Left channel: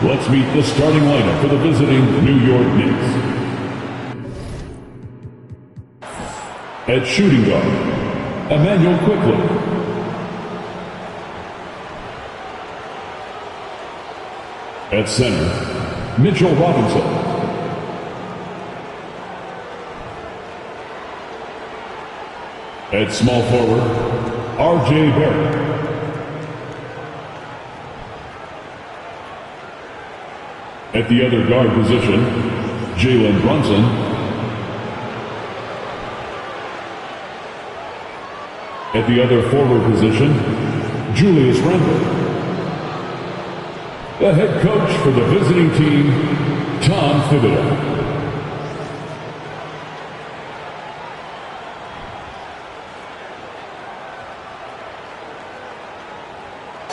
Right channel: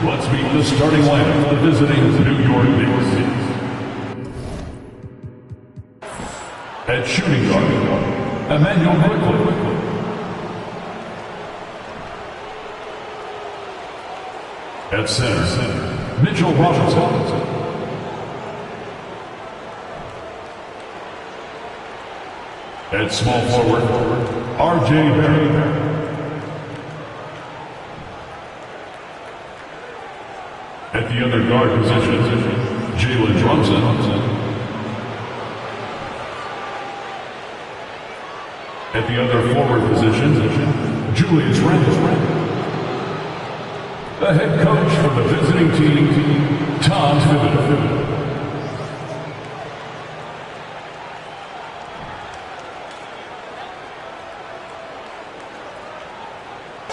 Let's meet the starting lineup for the visiting New York Knicks. At shooting guard, Emmanuel Quickly. At center, Mitchell Robinson. At small forward, R.J. Barrett. At the other guard position, Jalen Brunson. At the other forward position, Julius Randle. The head coach for the visiting team, Tom Thibodeau.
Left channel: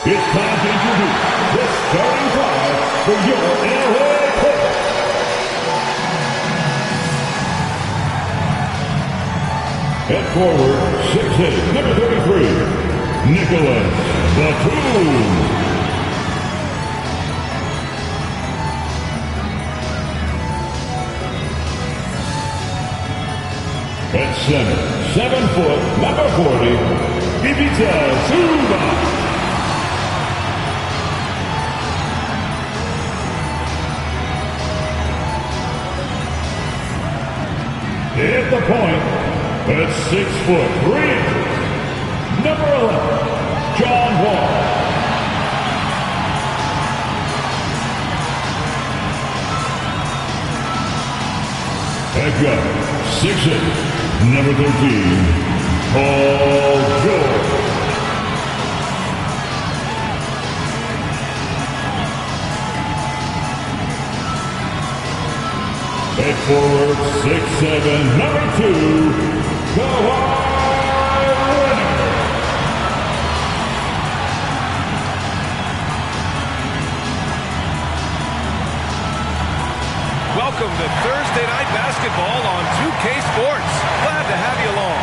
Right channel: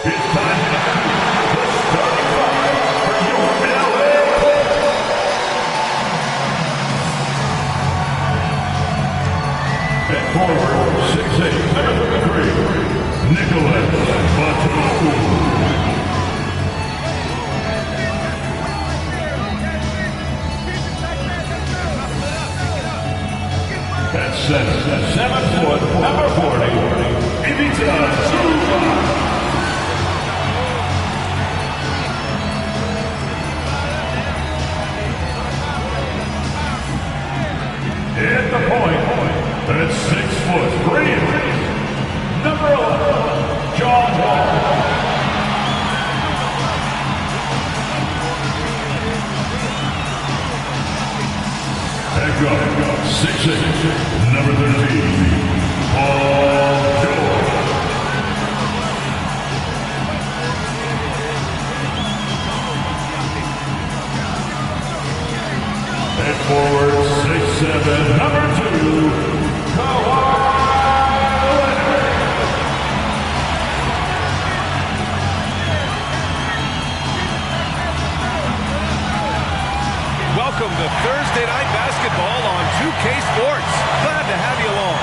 It's time to introduce the starting five for your LA Clippers. At forward, 6'8", number 33, Nicholas Batum. At center, 7 foot, number 40, Ivica Zubac. At the point, at 6 foot 3 inches, number 11, John Wall. At guard, 6'8", number 13, Paul George. At forward, 6'7", number 2, Kawhi Leonard. Welcome to Thursday Night Basketball on 2K Sports. Glad to have you along.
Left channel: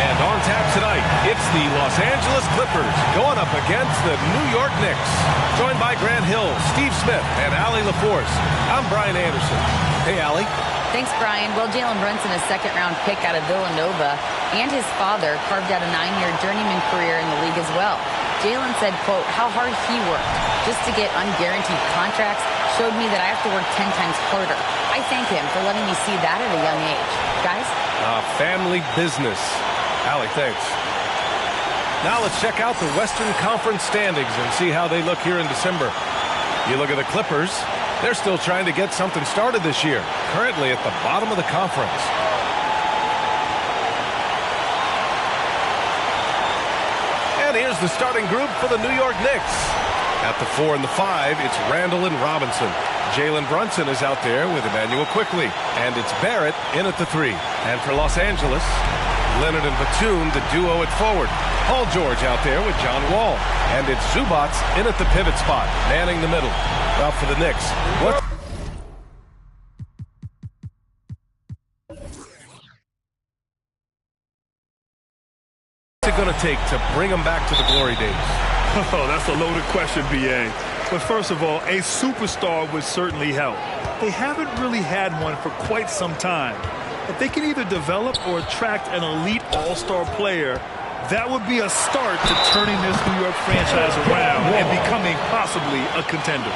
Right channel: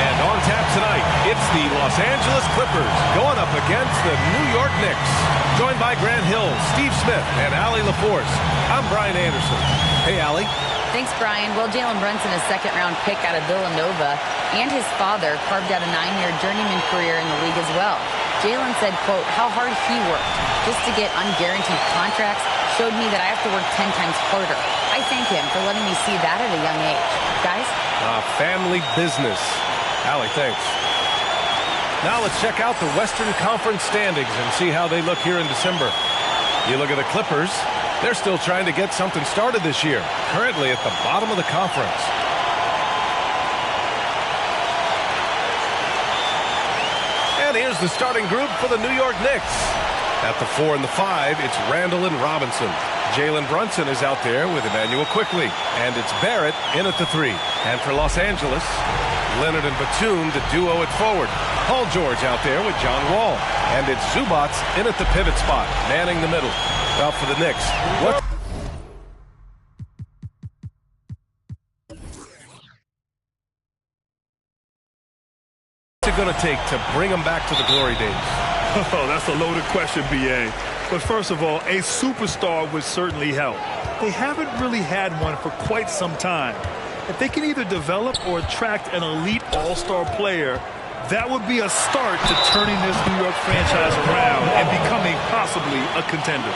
And on tap tonight, it's the Los Angeles Clippers going up against the New York Knicks. Joined by Grant Hill, Steve Smith, and Allie LaForce. I'm Brian Anderson. Hey, Allie. Thanks, Brian. Well, Jalen Brunson, a second-round pick out of Villanova, and his father carved out a 9-year journeyman career in the league as well. Jalen said, quote, how hard he worked just to get unguaranteed contracts showed me that I have to work 10 times harder. I thank him for letting me see that at a young age. Guys? Family business. Allie, thanks. Now let's check out the Western Conference standings and see how they look here in December. You look at the Clippers. They're still trying to get something started this year, currently at the bottom of the conference. And here's the starting group for the New York Knicks. At the 4 and the 5, it's Randle and Robinson. Jalen Brunson is out there with Emmanuel Quickly. And it's Barrett in at the 3. And for Los Angeles, Leonard and Batum, the duo at forward. Paul George out there with John Wall. And it's Zubac in at the pivot spot, manning the middle. Well, for the Knicks, what's it going to take to bring them back to the glory days? Oh, that's a loaded question, B.A. But first of all, a superstar would certainly help. They haven't really had one for quite some time. If they can either develop or attract an elite all-star player, that would be a start to turning this New York franchise around and becoming possibly a contender.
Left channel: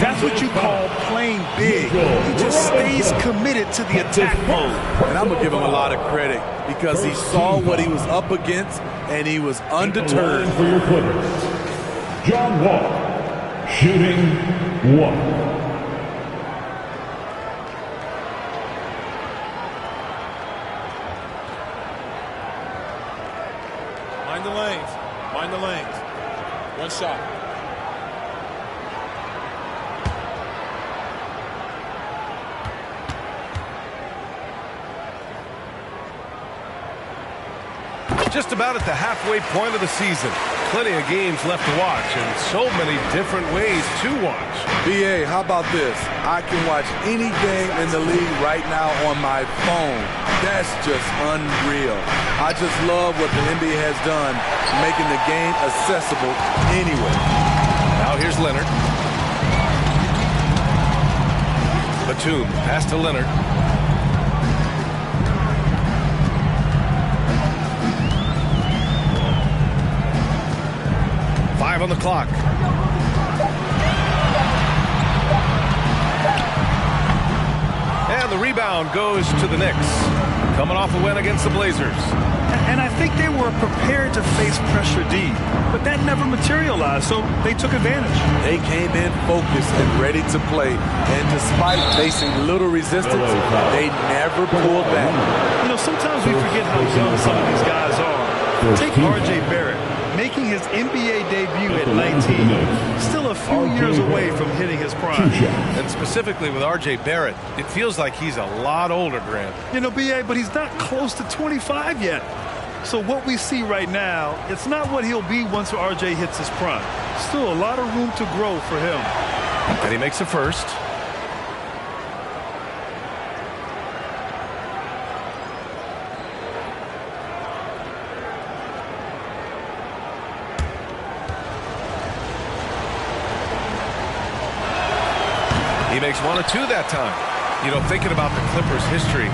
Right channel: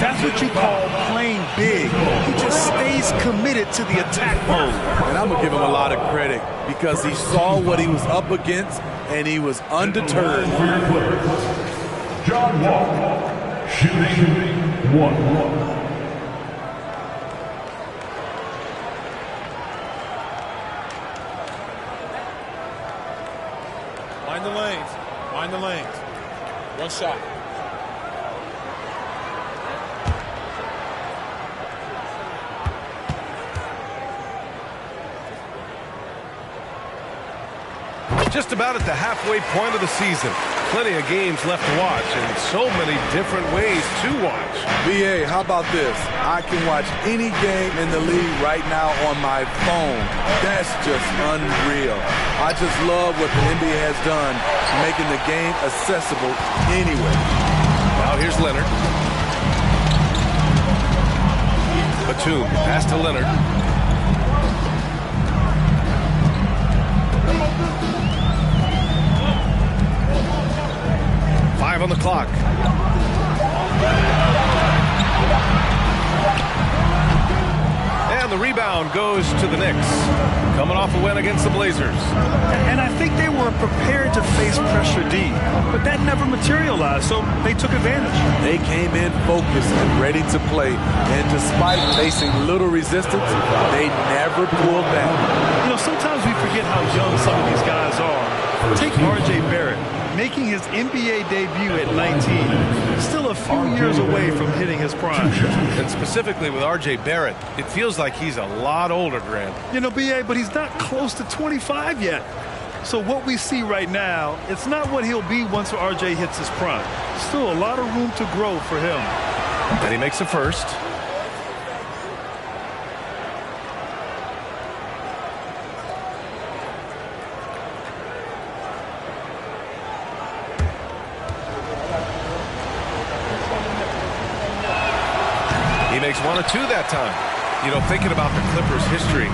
That's what you call playing big. He just stays committed to the attack mode. And I'm going to give him a lot of credit because he saw what he was up against and he was undeterred. For your Clippers, John Wall, shooting 1. Mind the lanes. Mind the lanes. One shot. Just about at the halfway point of the season. Plenty of games left to watch and so many different ways to watch. B.A., how about this? I can watch any game in the league right now on my phone. That's just unreal. I just love what the NBA has done, making the game accessible anywhere. Now here's Leonard. Batum, pass to Leonard. Five on the clock. And the rebound goes to the Knicks, coming off a win against the Blazers. And I think they were prepared to face pressure D, but that never materialized, so they took advantage. They came in focused and ready to play, and despite facing little resistance, they never pulled back. You know, sometimes we forget how young some of these guys are. Take R.J. Barrett, making his NBA debut at 19, still a few years away from hitting his prime. And specifically with R.J. Barrett, it feels like he's a lot older, Grant. You know, B.A., but he's not close to 25 yet. So what we see right now, it's not what he'll be once R.J. hits his prime. Still a lot of room to grow for him. And he makes a first. He makes 1 of 2 that time. You know, thinking about the Clippers' history,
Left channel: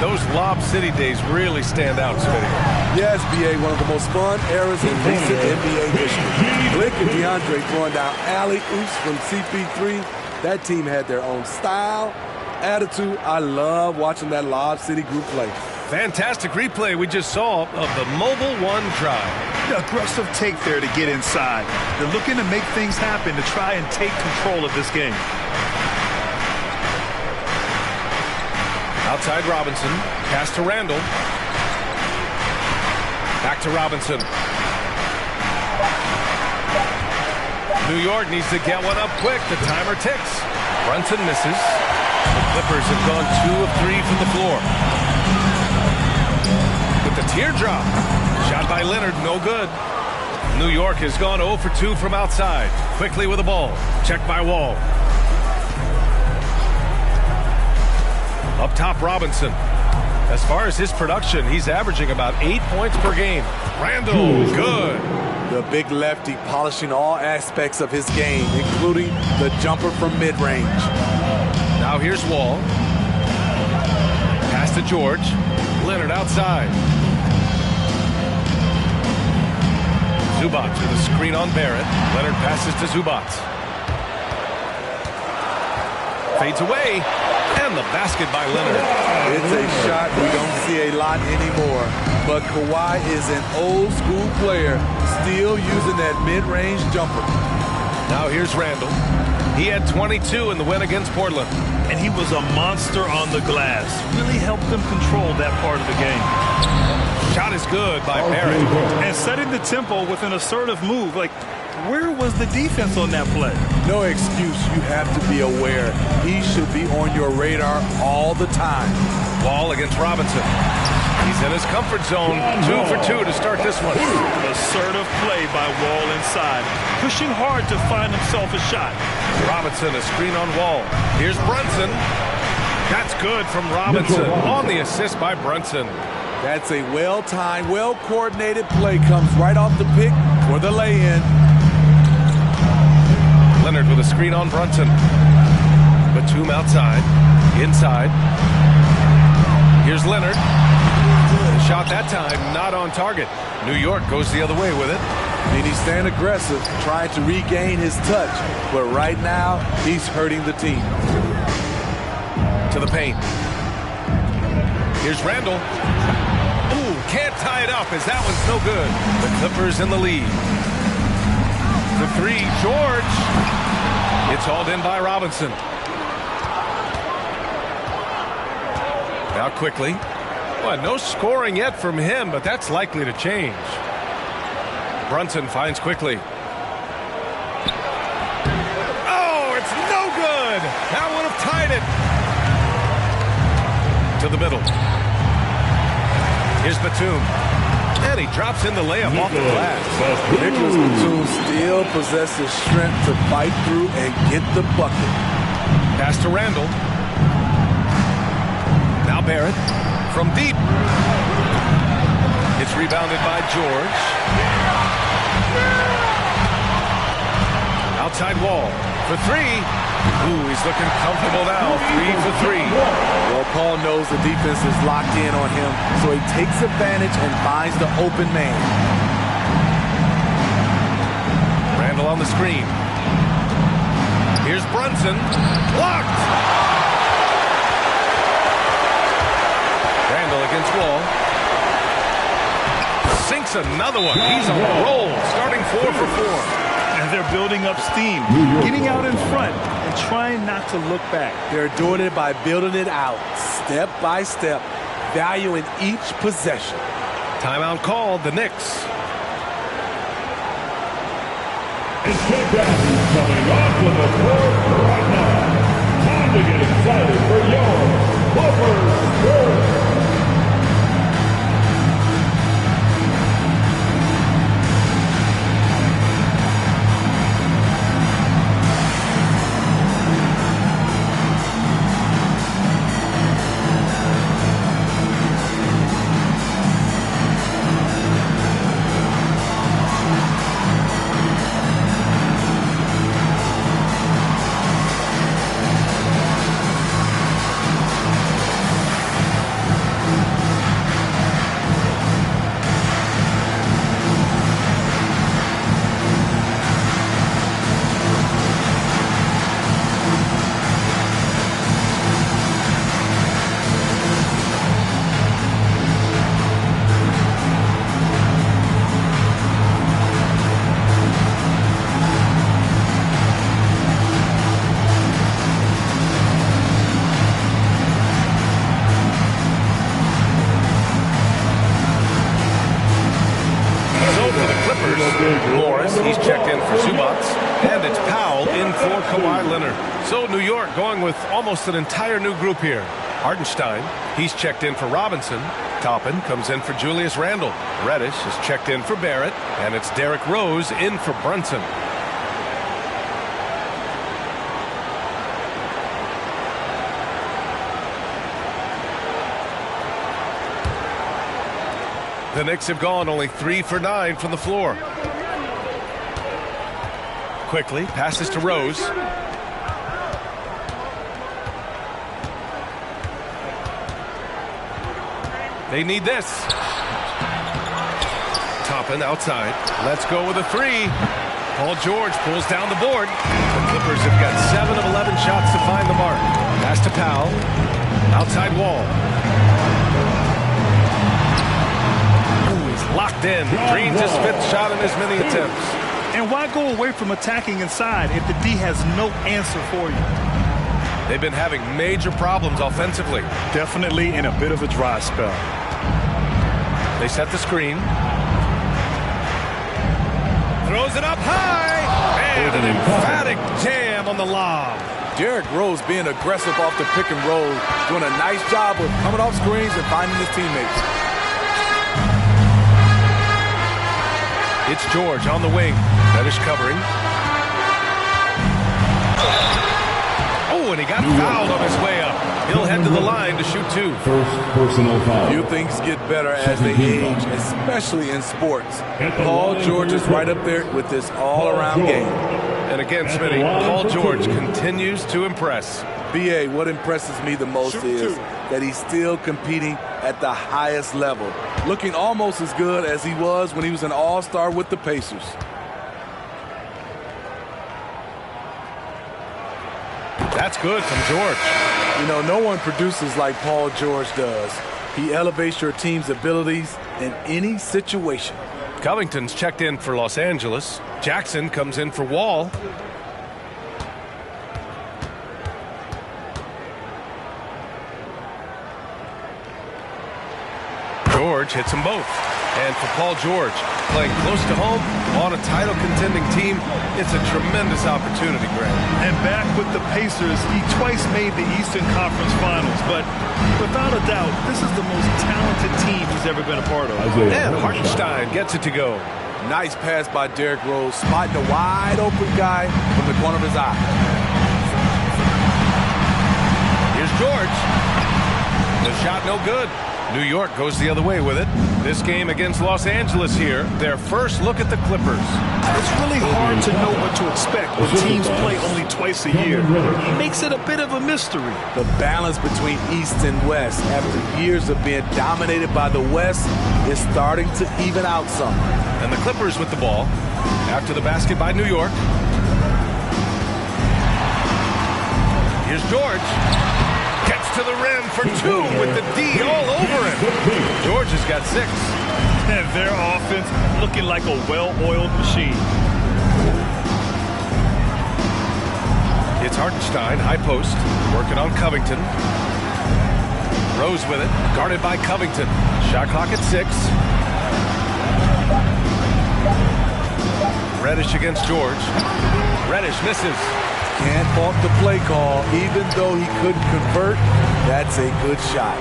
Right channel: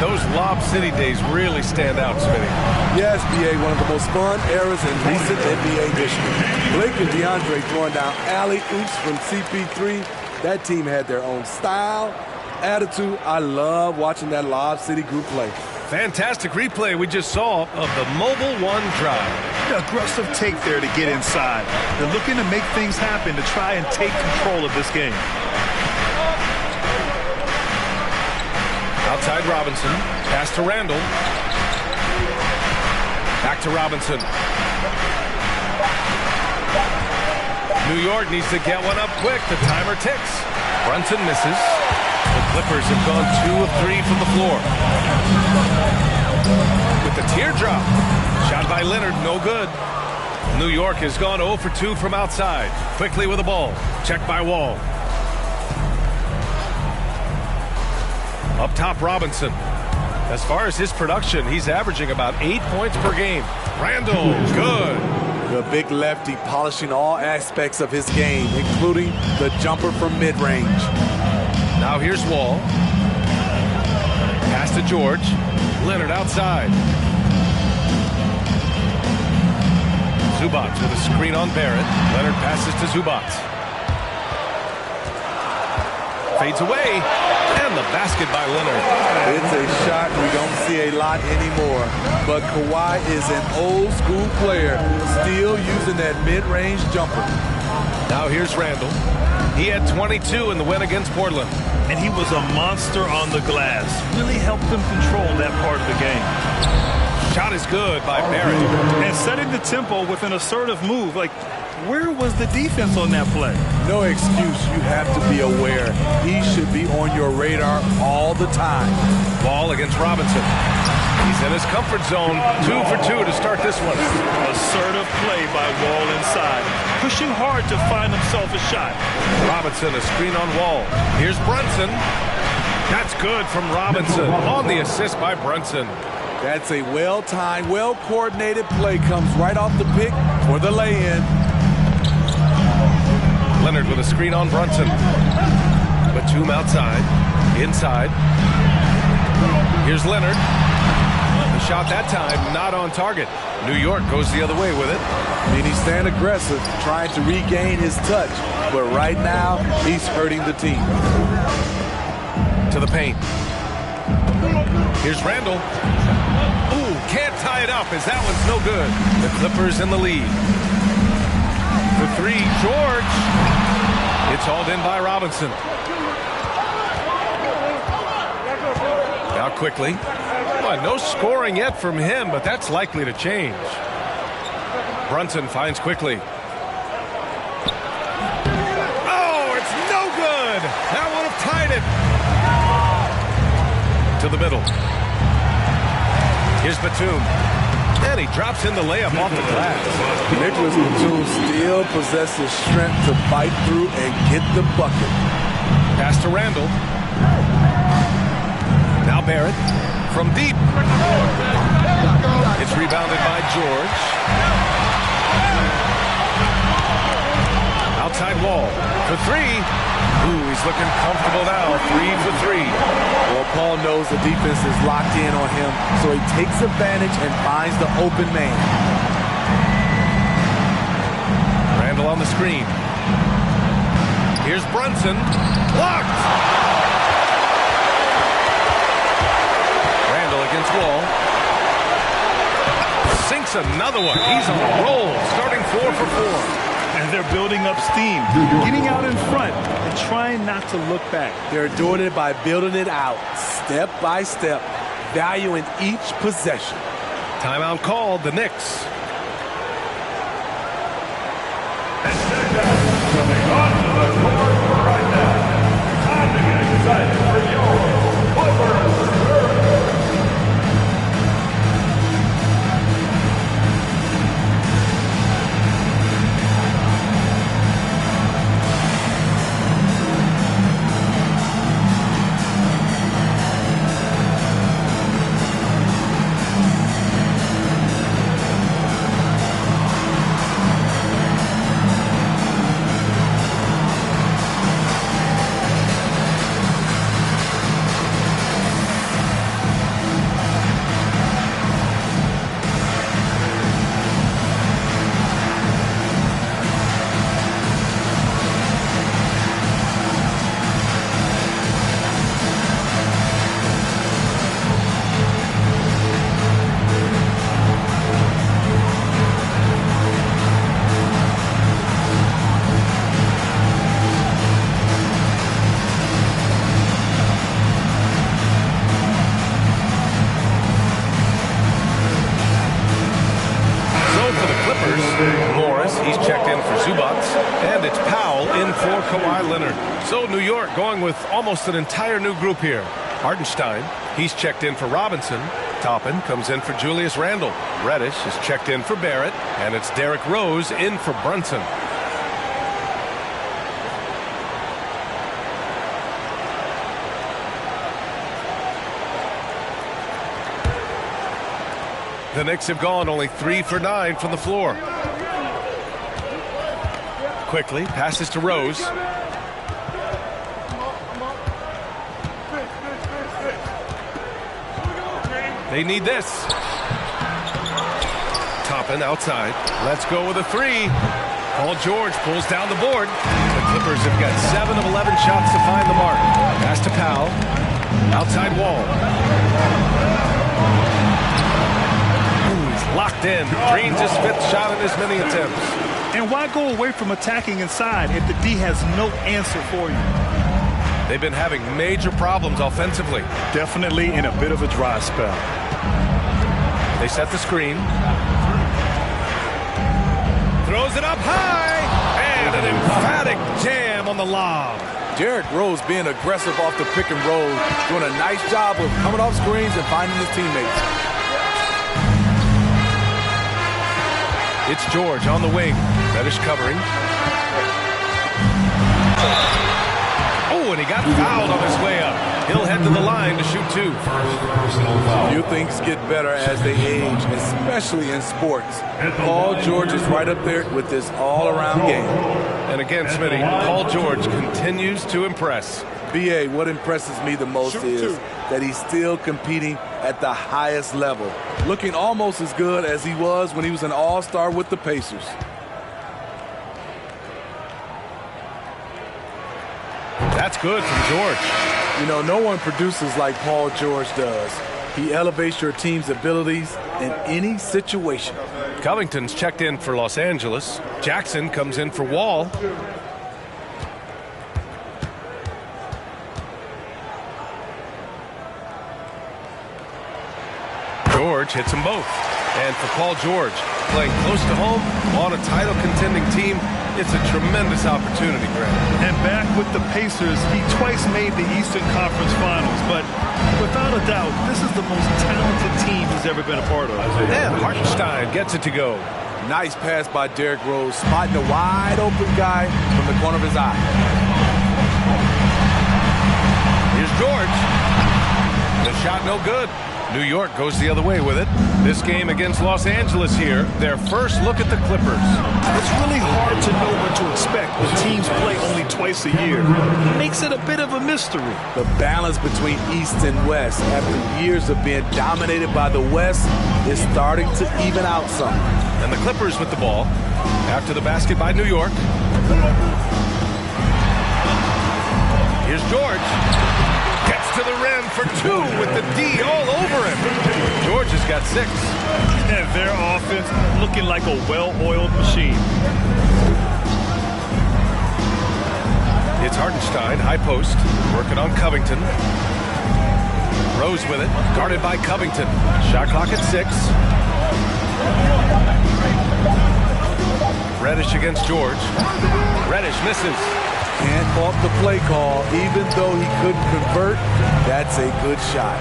those Lob City days really stand out, Smitty. Yes, B.A., one of the most fun eras in recent NBA history. Blake and DeAndre throwing down alley-oops from CP3. That team had their own style, attitude. I love watching that Lob City group play. Fantastic replay we just saw of the Mobile One drive. The aggressive take there to get inside. They're looking to make things happen to try and take control of this game. Outside Robinson, pass to Randall. Back to Robinson. New York needs to get one up quick. The timer ticks. Brunson misses. The Clippers have gone 2 of 3 from the floor. With the teardrop. Shot by Leonard, no good. New York has gone 0 for 2 from outside. Quickly with the ball. Checked by Wall. Up top, Robinson. As far as his production, he's averaging about 8 points per game. Randall, good. The big lefty polishing all aspects of his game, including the jumper from mid-range. Now here's Wall. Pass to George. Leonard outside. Zubac with a screen on Barrett. Leonard passes to Zubac. Fades away. And the basket by Leonard. It's a shot we don't see a lot anymore. But Kawhi is an old school player, still using that mid-range jumper. Now here's Randall. He had 22 in the win against Portland. And he was a monster on the glass. Really helped them control that part of the game. Shot is good by Barrett. And setting the tempo with an assertive move. Like, where was the defense on that play? No excuse. You have to be aware. He should be on your radar all the time. Wall against Robinson. He's in his comfort zone. 2 for 2 to start this one. Assertive play by Wall inside. Pushing hard to find himself a shot. Robinson, a screen on Wall. Here's Brunson. That's good from Robinson. On the assist by Brunson. That's a well-timed, well-coordinated play. Comes right off the pick for the lay-in. Leonard with a screen on Brunson. Batum outside. Inside. Here's Leonard. The shot that time not on target. New York goes the other way with it. And he's staying aggressive, trying to regain his touch. But right now, he's hurting the team. To the paint. Here's Randall. Ooh, can't tie it up as that one's no good. The Clippers in the lead. For 3, George. It's hauled in by Robinson. Now quickly. Well, no scoring yet from him, but that's likely to change. Brunson finds quickly. Oh, it's no good. That would have tied it. To the middle. Here's Batum. And he drops in the layup off the glass. Nicholas Batum still possesses strength to fight through and get the bucket. Pass to Randall. Now Barrett from deep. It's rebounded by George. Outside Wall. for three. Ooh, he's looking comfortable now. 3 for 3. Well, Paul knows the defense is locked in on him, so he takes advantage and finds the open man. Randle on the screen. Here's Brunson. Blocked! Randle against Wall. Sinks another one. He's on a roll, starting 4 for 4. And they're building up steam, getting out in front and trying not to look back. They're doing it by building it out, step by step, valuing each possession. Timeout called, the Knicks. And check out who's coming onto the court right now. Time to get excited for your Clippers. He's checked in for Zubats, and it's Powell in for Kawhi Leonard. So New York going with almost an entire new group here. Hartenstein, he's checked in for Robinson. Toppin comes in for Julius Randle. Reddish is checked in for Barrett, and it's Derrick Rose in for Brunson. The Knicks have gone only 3 for 9 from the floor. Quickly passes to Rose. They need this. Toppin outside. Let's go with a 3. Paul George pulls down the board. The Clippers have got 7 of 11 shots to find the mark. Pass to Powell. Outside Wall. Ooh, he's locked in. Drains his 5th shot in as many attempts. And why go away from attacking inside if the D has no answer for you? They've been having major problems offensively. Definitely in a bit of a dry spell. They set the screen. Throws it up high. And an emphatic jam on the lob. Derrick Rose being aggressive off the pick and roll, doing a nice job of coming off screens and finding his teammates. It's George on the wing. Reddish covering. Oh, and he got fouled on his way up. He'll head to the line to shoot 2. First personal foul. Few things get better as they age, especially in sports. Paul George is right up there with this all-around game. And again, Smitty, Paul George continues to impress. B.A., what impresses me the most is that he's still competing at the highest level, looking almost as good as he was when he was an all-star with the Pacers. That's good from George. You know, no one produces like Paul George does. He elevates your team's abilities in any situation. Covington's checked in for Los Angeles. Jackson comes in for Wall. George hits them both. And for Paul George, playing close to home on a title contending team, it's a tremendous opportunity, Grant. And back with the Pacers, he twice made the Eastern Conference Finals, but without a doubt, this is the most talented team he's ever been a part of. And Hartenstein gets it to go. Nice pass by Derrick Rose, spotting the wide open guy from the corner of his eye. Here's George. The shot no good. New York goes the other way with it. This game against Los Angeles here, their first look at the Clippers. It's really hard to know what to expect when teams play only twice a year. It makes it a bit of a mystery. The balance between East and West after years of being dominated by the West is starting to even out some. And the Clippers with the ball after the basket by New York. Here's George. Gets to the rim for two with the D all over him. George has got 6. And their offense looking like a well-oiled machine. It's Hartenstein, high post, working on Covington. Rose with it, guarded by Covington. Shot clock at 6. Reddish against George. Reddish misses. Can't fault the play call. Even though he couldn't convert, that's a good shot.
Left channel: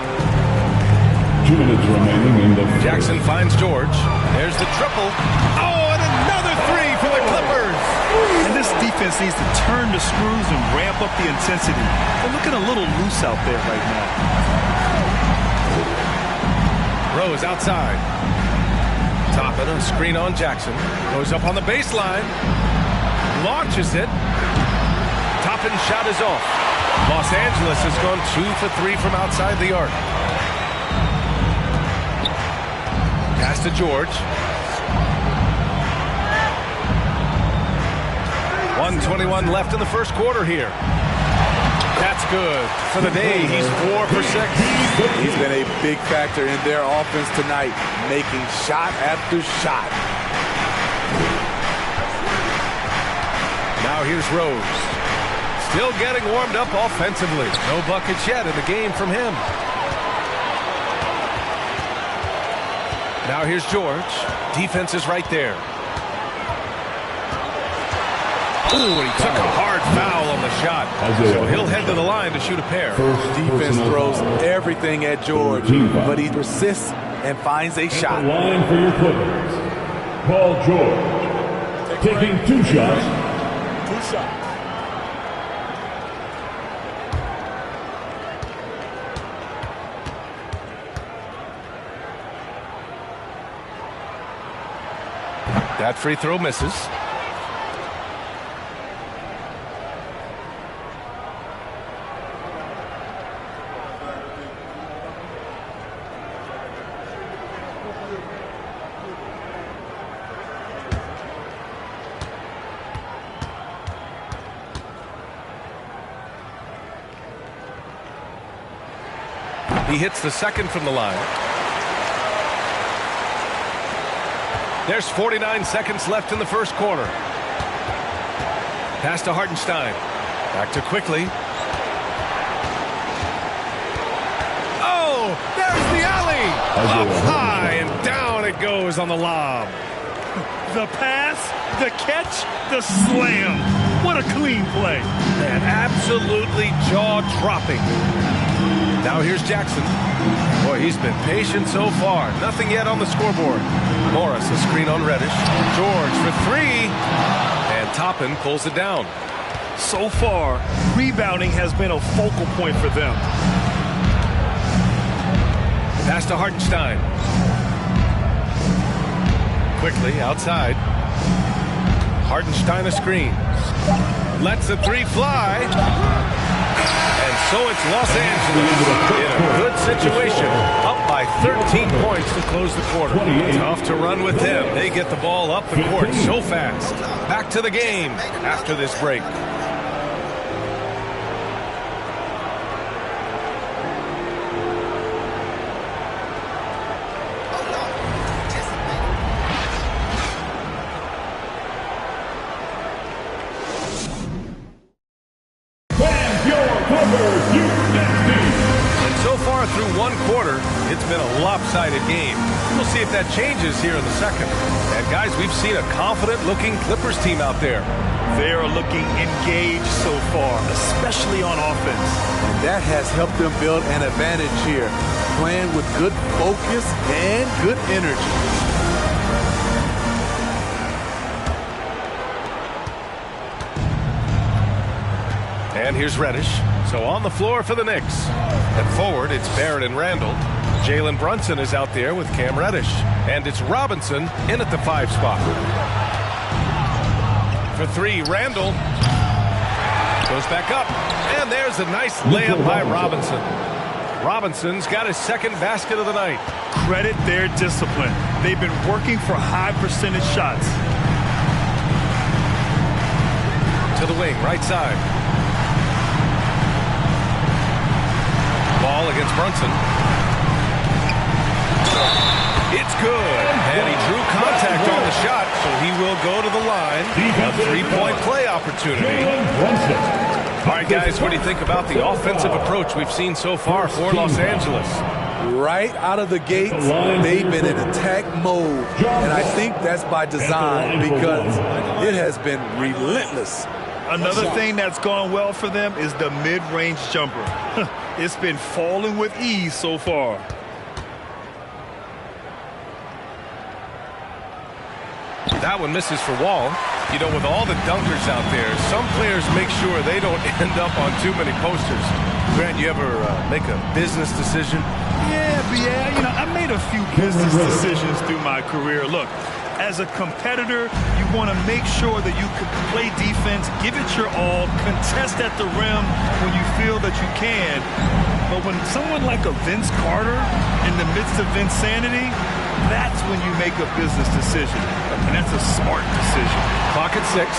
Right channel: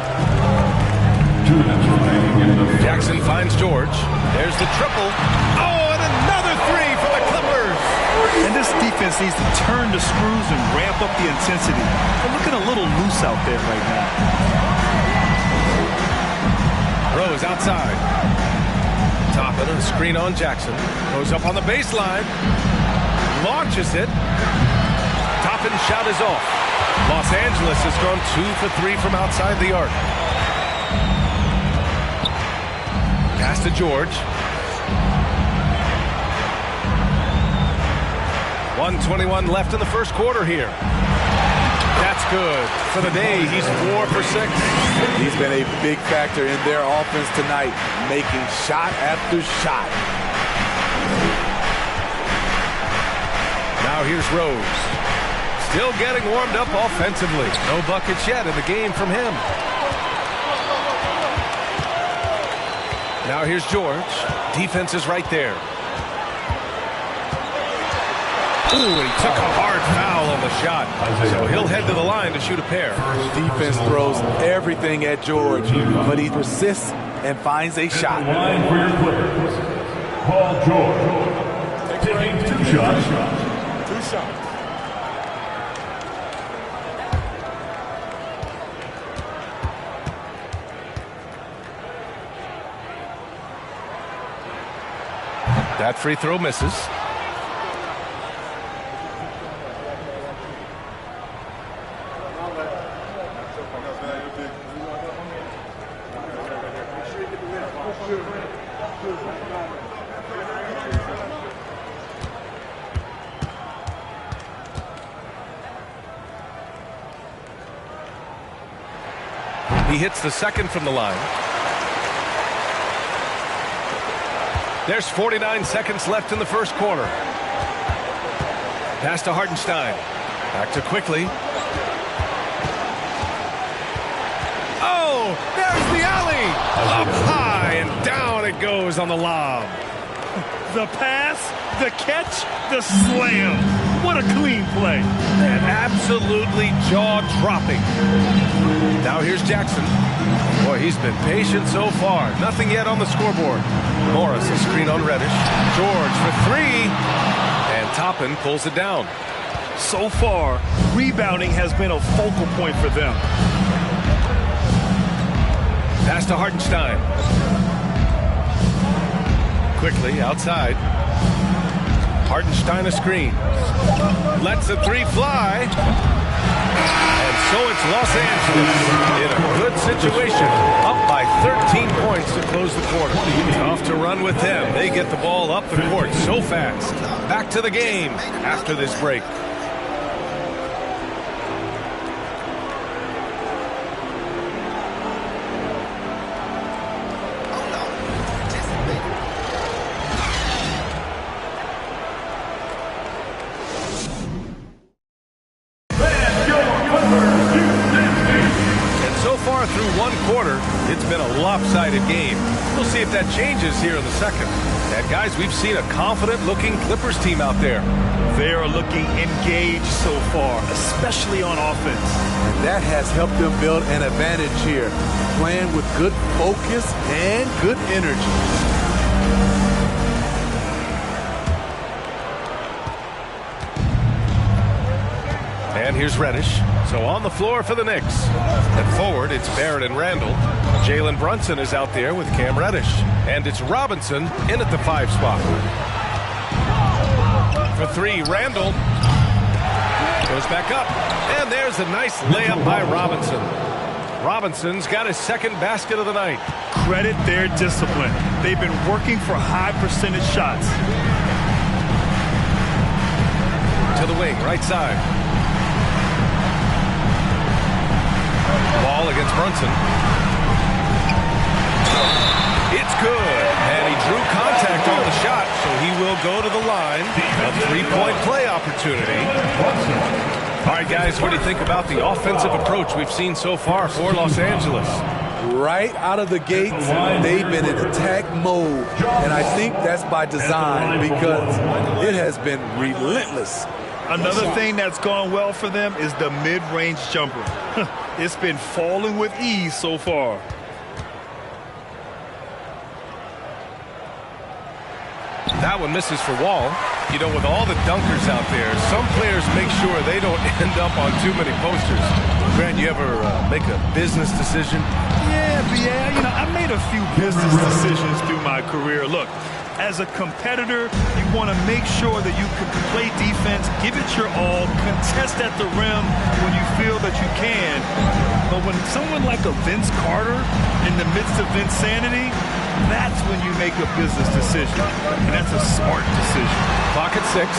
2 minutes remaining in the Jackson finds George. There's the triple. Oh, and another 3 for the Clippers. And this defense needs to turn the screws and ramp up the intensity. They're looking a little loose out there right now. Rose outside. Toppin, a screen on Jackson. Goes up on the baseline. Launches it. Toppin's shot is off. Los Angeles has gone 2 for 3 from outside the arc. Pass to George. 1:21 left in the first quarter here. That's good. For the day, he's 4 for 6. He's been a big factor in their offense tonight, making shot after shot. Now here's Rose. Still getting warmed up offensively. No buckets yet in the game from him. Now here's George. Defense is right there. Ooh, and he took a hard foul on the shot. So he'll head to the line to shoot a pair. Defense throws everything at George, but he persists and finds a shot. line for your Clippers. Paul George. Taking 2 shots. 2 shots. That free throw misses. He hits the second from the line. There's 49 seconds left in the first quarter. Pass to Hartenstein. Back to Quickly. Oh, there's the alley. Up high and down it goes on the lob. The pass, the catch, the slam. What a clean play. And absolutely jaw-dropping. Now here's Jackson. Boy, he's been patient so far. Nothing yet on the scoreboard. Morris, a screen on Reddish. George for 3. And Toppin pulls it down. So far, rebounding has been a focal point for them. Pass to Hartenstein. Quickly outside. Hartenstein a screen. Lets the 3 fly. And so it's Los Angeles in a good situation, up by 13 points to close the quarter. Tough to run with them. They get the ball up the court so fast. Back to the game after this break. So far through one quarter, it's been a lopsided game. We'll see if that changes here in the second. And guys, we've seen a confident-looking Clippers team out there. They are looking engaged so far, especially on offense. And that has helped them build an advantage here, playing with good focus and good energy. And here's Reddish. So on the floor for the Knicks. And forward, it's Barrett and Randall. Jalen Brunson is out there with Cam Reddish. And it's Robinson in at the 5 spot. For 3, Randall. Goes back up. And there's a nice layup by Robinson. Robinson's got his second basket of the night. Credit their discipline. They've been working for high percentage shots. To the wing, right side. Ball against Brunson. It's good. And he drew contact on the shot, so he will go to the line. A 3-point play opportunity. All right, guys, what do you think about the offensive approach we've seen so far for Los Angeles? Right out of the gates, they've been in attack mode. And I think that's by design because it has been relentless. Another thing that's gone well for them is the mid-range jumper. It's been falling with ease so far. That one misses for Wall. You know, with all the dunkers out there, some players make sure they don't end up on too many posters. Grant, you ever make a business decision? Yeah, you know, I made a few business decisions through my career. Look, as a competitor, you want to make sure that you can play defense, give it your all, contest at the rim when you feel that you can. But when someone like a Vince Carter in the midst of Vinsanity, that's when you make a business decision. And that's a smart decision. Clock at 6.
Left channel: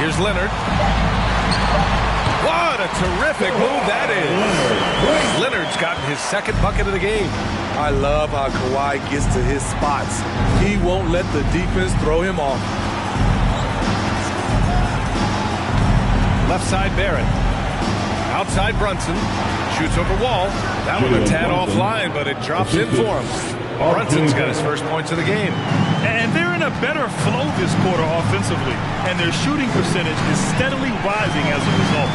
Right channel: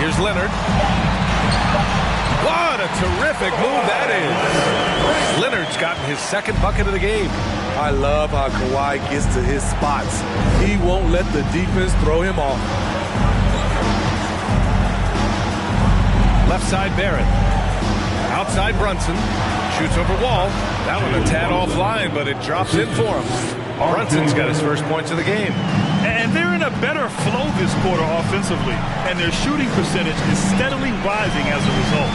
Here's Leonard. What a terrific move that is. Leonard's gotten his second bucket of the game. I love how Kawhi gets to his spots. He won't let the defense throw him off. Left side, Barrett. Outside, Brunson. Shoots over Wall. That one a tad offline, but it drops in for him. Brunson's got his first points of the game. And they're in a better flow this quarter offensively. And their shooting percentage is steadily rising as a result.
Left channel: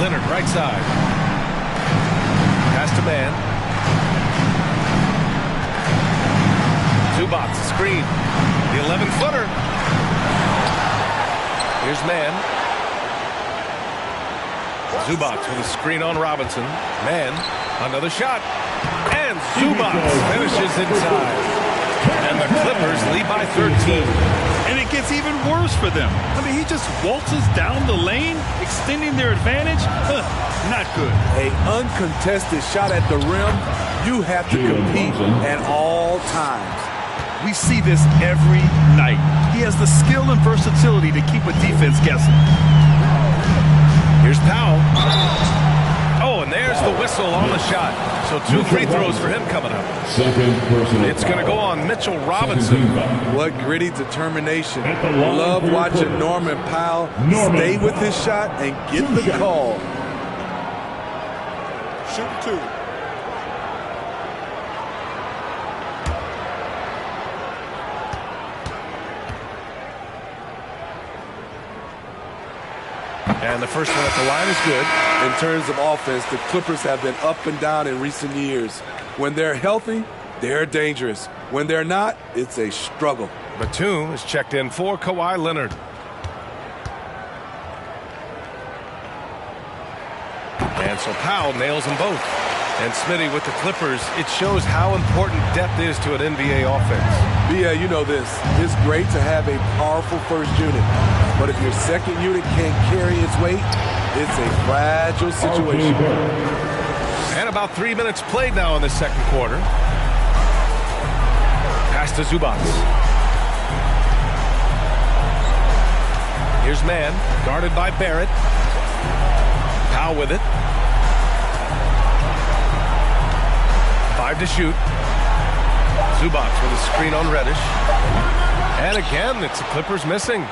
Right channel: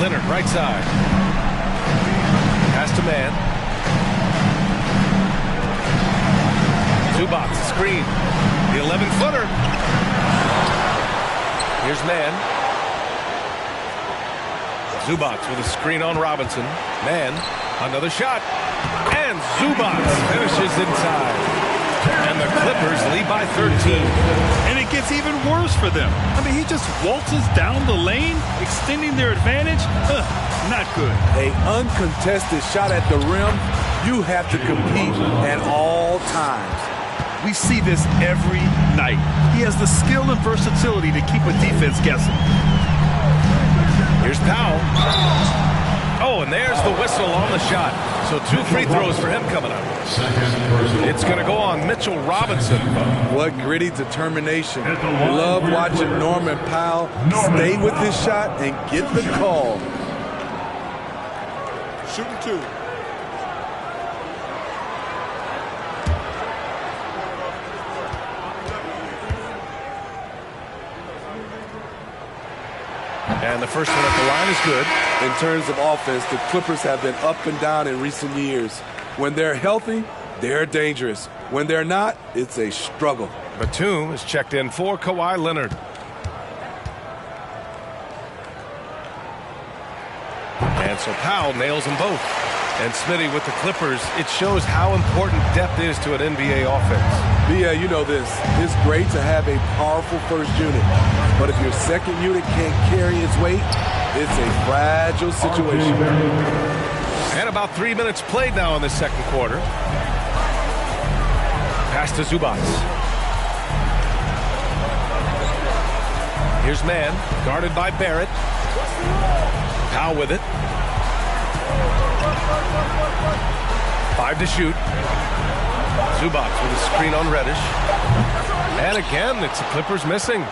Leonard, right side. Pass to Man. Zubac, screen. The 11-footer. Here's Man. Zubac with a screen on Robinson. Man, another shot. And Zubac finishes inside. And the Clippers lead by 13. And it gets even worse for them. I mean, he just waltzes down the lane, extending their advantage. Not good. An uncontested shot at the rim, you have to compete at all times. We see this every night. He has the skill and versatility to keep a defense guessing. Here's Powell. Oh, and there's the whistle on the shot. So 2 free throws for him coming up. It's going to go on Mitchell Robinson. What gritty determination. Love watching Norman Powell stay with his shot and get the call. Shooting 2. And the first one at the line is good. In terms of offense, the Clippers have been up and down in recent years. When they're healthy, they're dangerous. When they're not, it's a struggle. Batum is checked in for Kawhi Leonard. And so Powell nails them both. And Smitty with the Clippers, it shows how important depth is to an NBA offense. Yeah, you know this. It's great to have a powerful first unit. But if your second unit can't carry its weight, it's a fragile situation. And about 3 minutes played now in the second quarter. Pass to Zubac. Here's Man, guarded by Barrett. Powell with it. 5 to shoot. Zubac with a screen on Reddish. And again, it's the Clippers missing.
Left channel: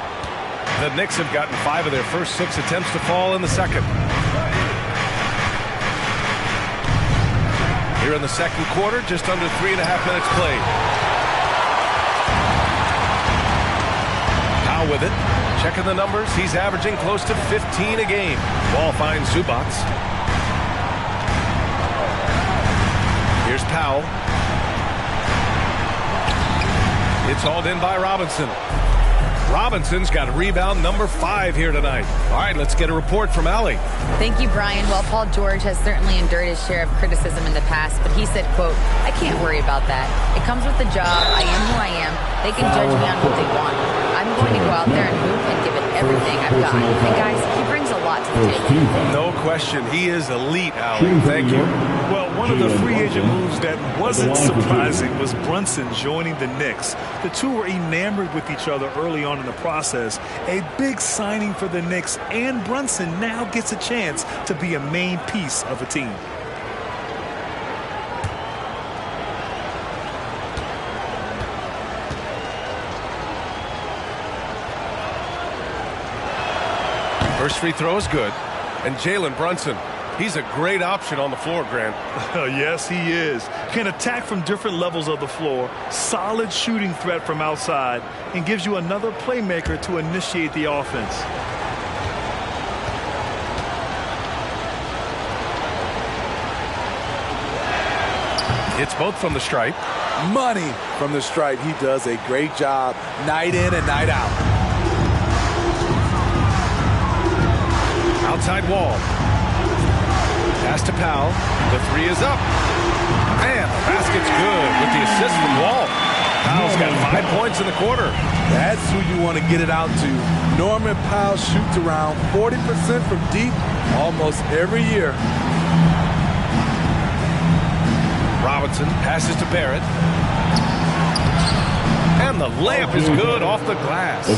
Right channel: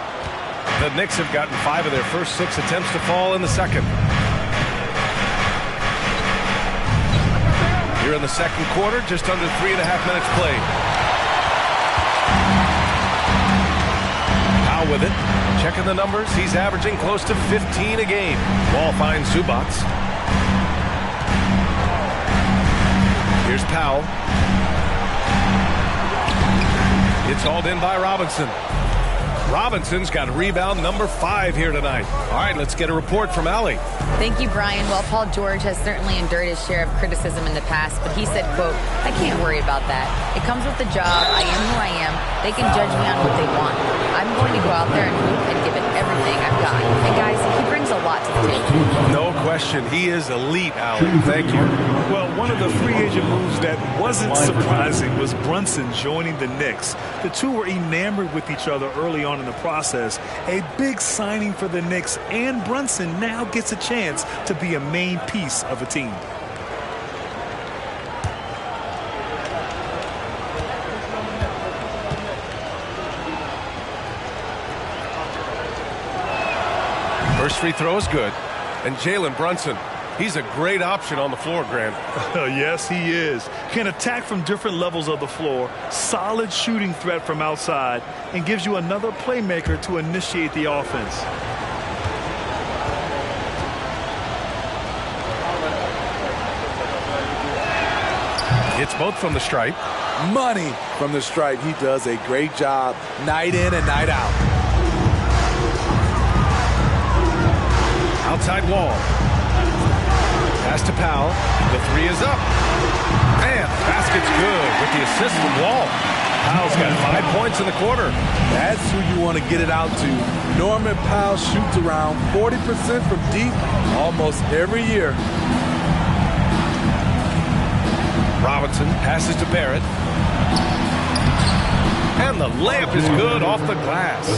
The Knicks have gotten 5 of their first 6 attempts to fall in the second. Here in the second quarter, just under 3.5 minutes played. Powell with it. Checking the numbers. He's averaging close to 15 a game. Wall finds Zubac. Here's Powell. It's hauled in by Robinson. Robinson's got rebound number 5 here tonight. All right, let's get a report from Allie. Thank you, Brian. Well, Paul George has certainly endured his share of criticism in the past, but he said, quote, "I can't worry about that. It comes with the job. I am who I am. They can judge me on what they want. I'm going to go out there and hoop and give it everything I've got." And guys, he brings a lot to the table. No question. He is elite, Allie. Thank you. Well, one of the free agent moves that wasn't surprising was Brunson joining the Knicks. The two were enamored with each other early on in the process. A big signing for the Knicks, and Brunson now gets a chance to be a main piece of a team. First free throw is good. And Jalen Brunson, he's a great option on the floor, Grant. Yes, he is. Can attack from different levels of the floor, solid shooting threat from outside, and gives you another playmaker to initiate the offense. It's both from the stripe. Money from the stripe. He does a great job night in and night out. Outside Wall. Pass to Powell. The 3 is up. And the basket's good with the assist from Wall. Powell's got 5 points in the quarter. That's who you want to get it out to. Norman Powell shoots around 40% from deep almost every year. Robinson passes to Barrett. And the layup is good off the glass.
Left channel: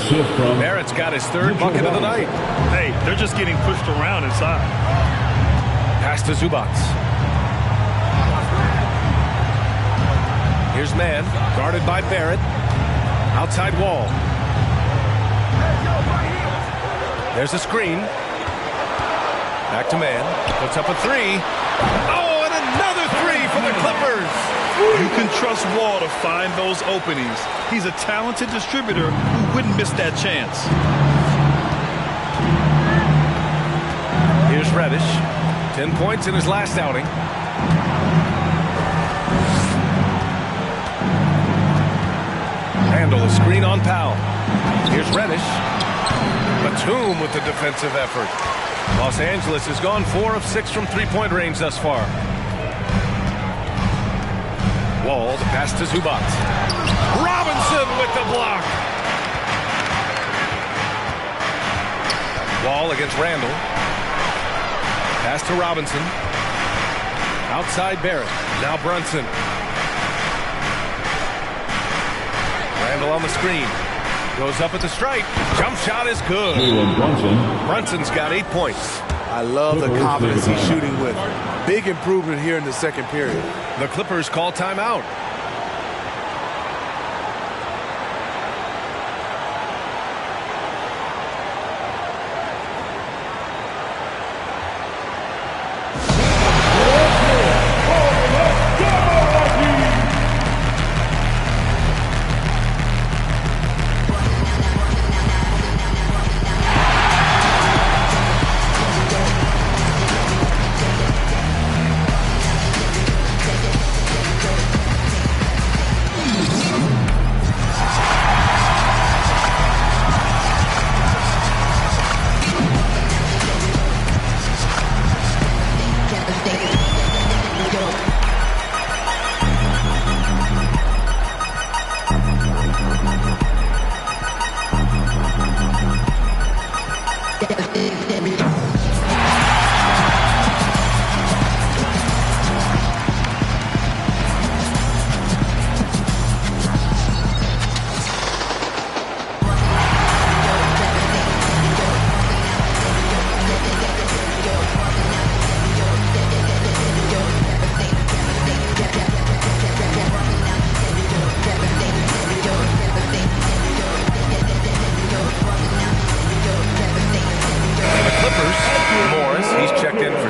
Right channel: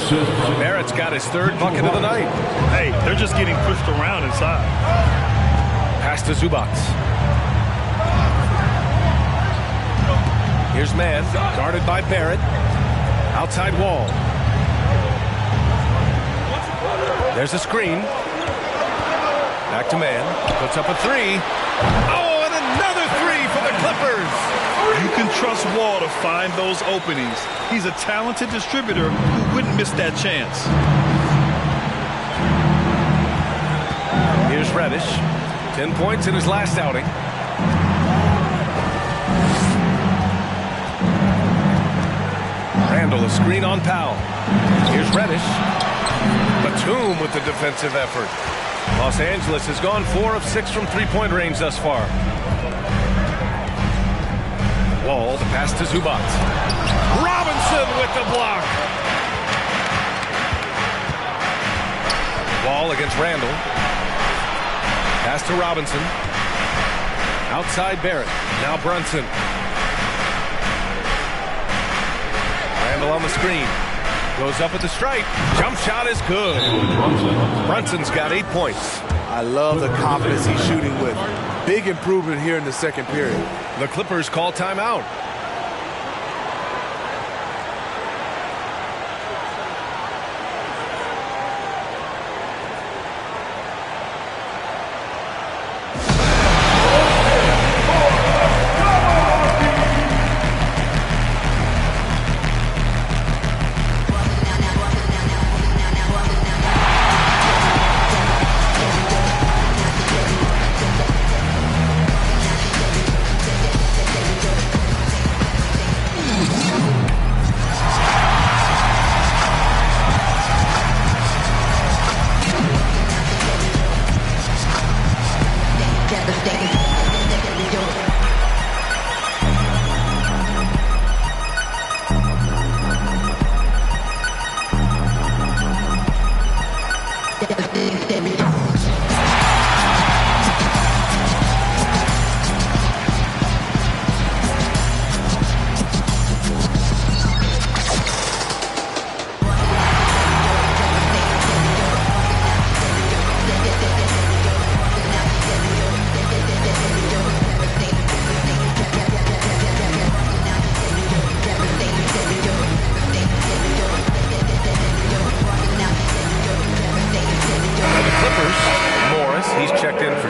Barrett's got his 3rd bucket of the night. Hey, they're just getting pushed around inside. Pass to Zubac. Here's Mann, guarded by Barrett. Outside Wall. There's a screen. Back to Mann. Puts up a 3. Oh, and another 3 for the Clippers. You can trust Wall to find those openings. He's a talented distributor who wouldn't miss that chance. Here's Reddish. 10 points in his last outing. Randall, a screen on Powell. Here's Reddish. Batum with the defensive effort. Los Angeles has gone 4 of 6 from three-point range thus far. Wall, the pass to Zubac. Robinson with the block. Wall against Randall. Pass to Robinson. Outside Barrett. Now Brunson. Randall on the screen. Goes up at the stripe. Jump shot is good. Brunson's got 8 points. I love the confidence he's shooting with. Big improvement here in the second period. The Clippers call timeout.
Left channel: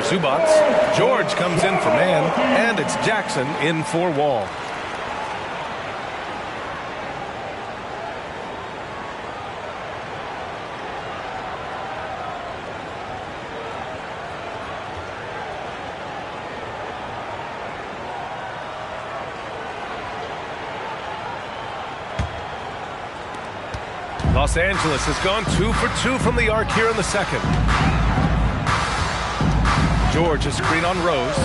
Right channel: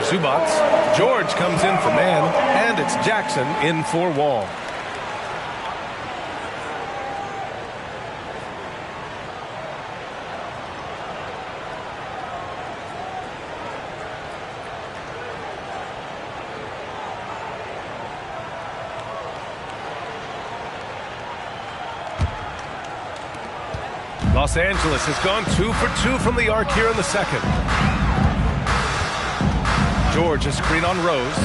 Zubac. George comes in for Mann, and it's Jackson in for Wall. Los Angeles has gone 2 for 2 from the arc here in the second. George, a screen on Rose.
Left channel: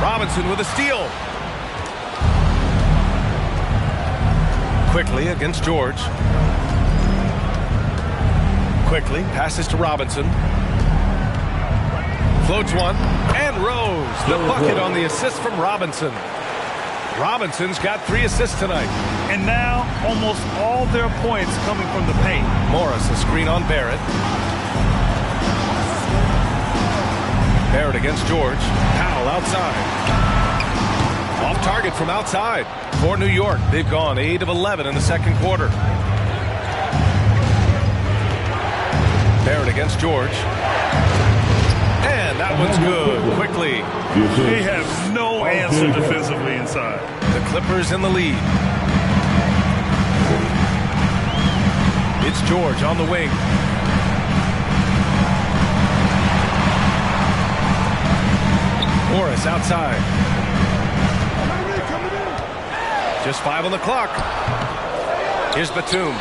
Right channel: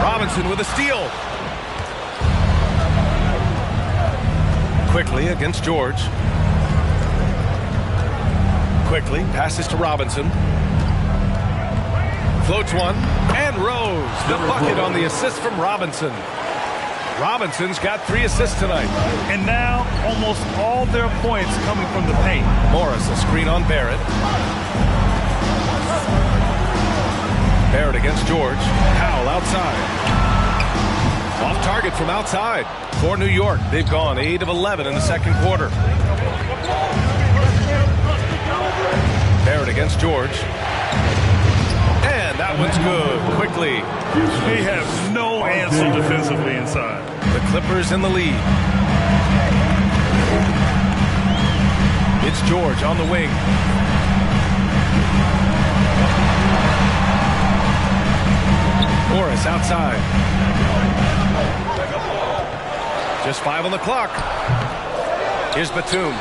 Robinson with a steal. Quickly against George. Quickly passes to Robinson. Floats one, and Rose, the bucket on the assist from Robinson. Robinson's got 3 assists tonight. And now almost all their points coming from the paint. Morris, a screen on Barrett. Barrett against George. Powell outside. Off target from outside for New York. They've gone 8 of 11 in the second quarter. Barrett against George. And that one's good. Quickly. They have no answer defensively inside. The Clippers in the lead. It's George on the wing. Morris outside. Just 5 on the clock. Here's Batum.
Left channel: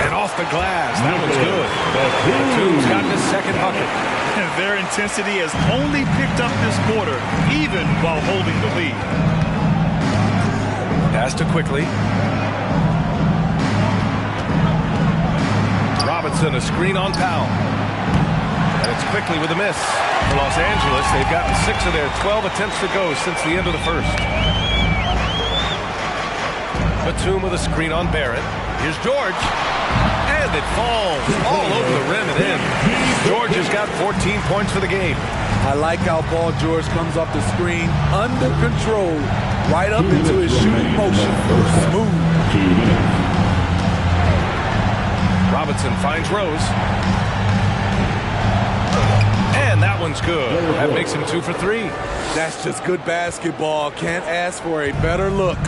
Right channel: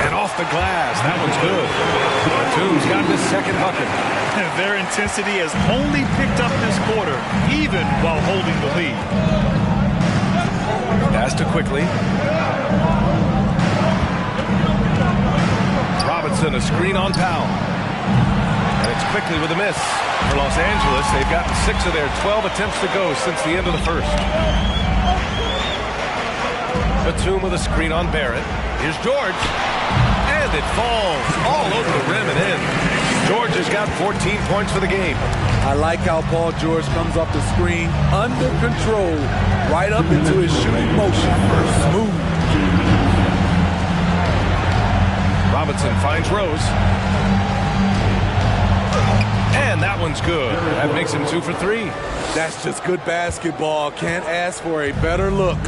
And off the glass. That one's good. Batum's gotten his second bucket. Their intensity has only picked up this quarter, even while holding the lead. Pass to Quickly. Robinson, a screen on Powell. And it's Quickly with a miss. For Los Angeles, they've gotten 6 of their 12 attempts to go since the end of the first. Batum with a screen on Barrett. Here's George. And it falls all over the rim and in. George has got 14 points for the game. I like how Paul George comes off the screen under control, right up into his shooting motion. Smooth. Robinson finds Rose. And that one's good. That makes him 2 for 3. That's just good basketball. Can't ask for a better look.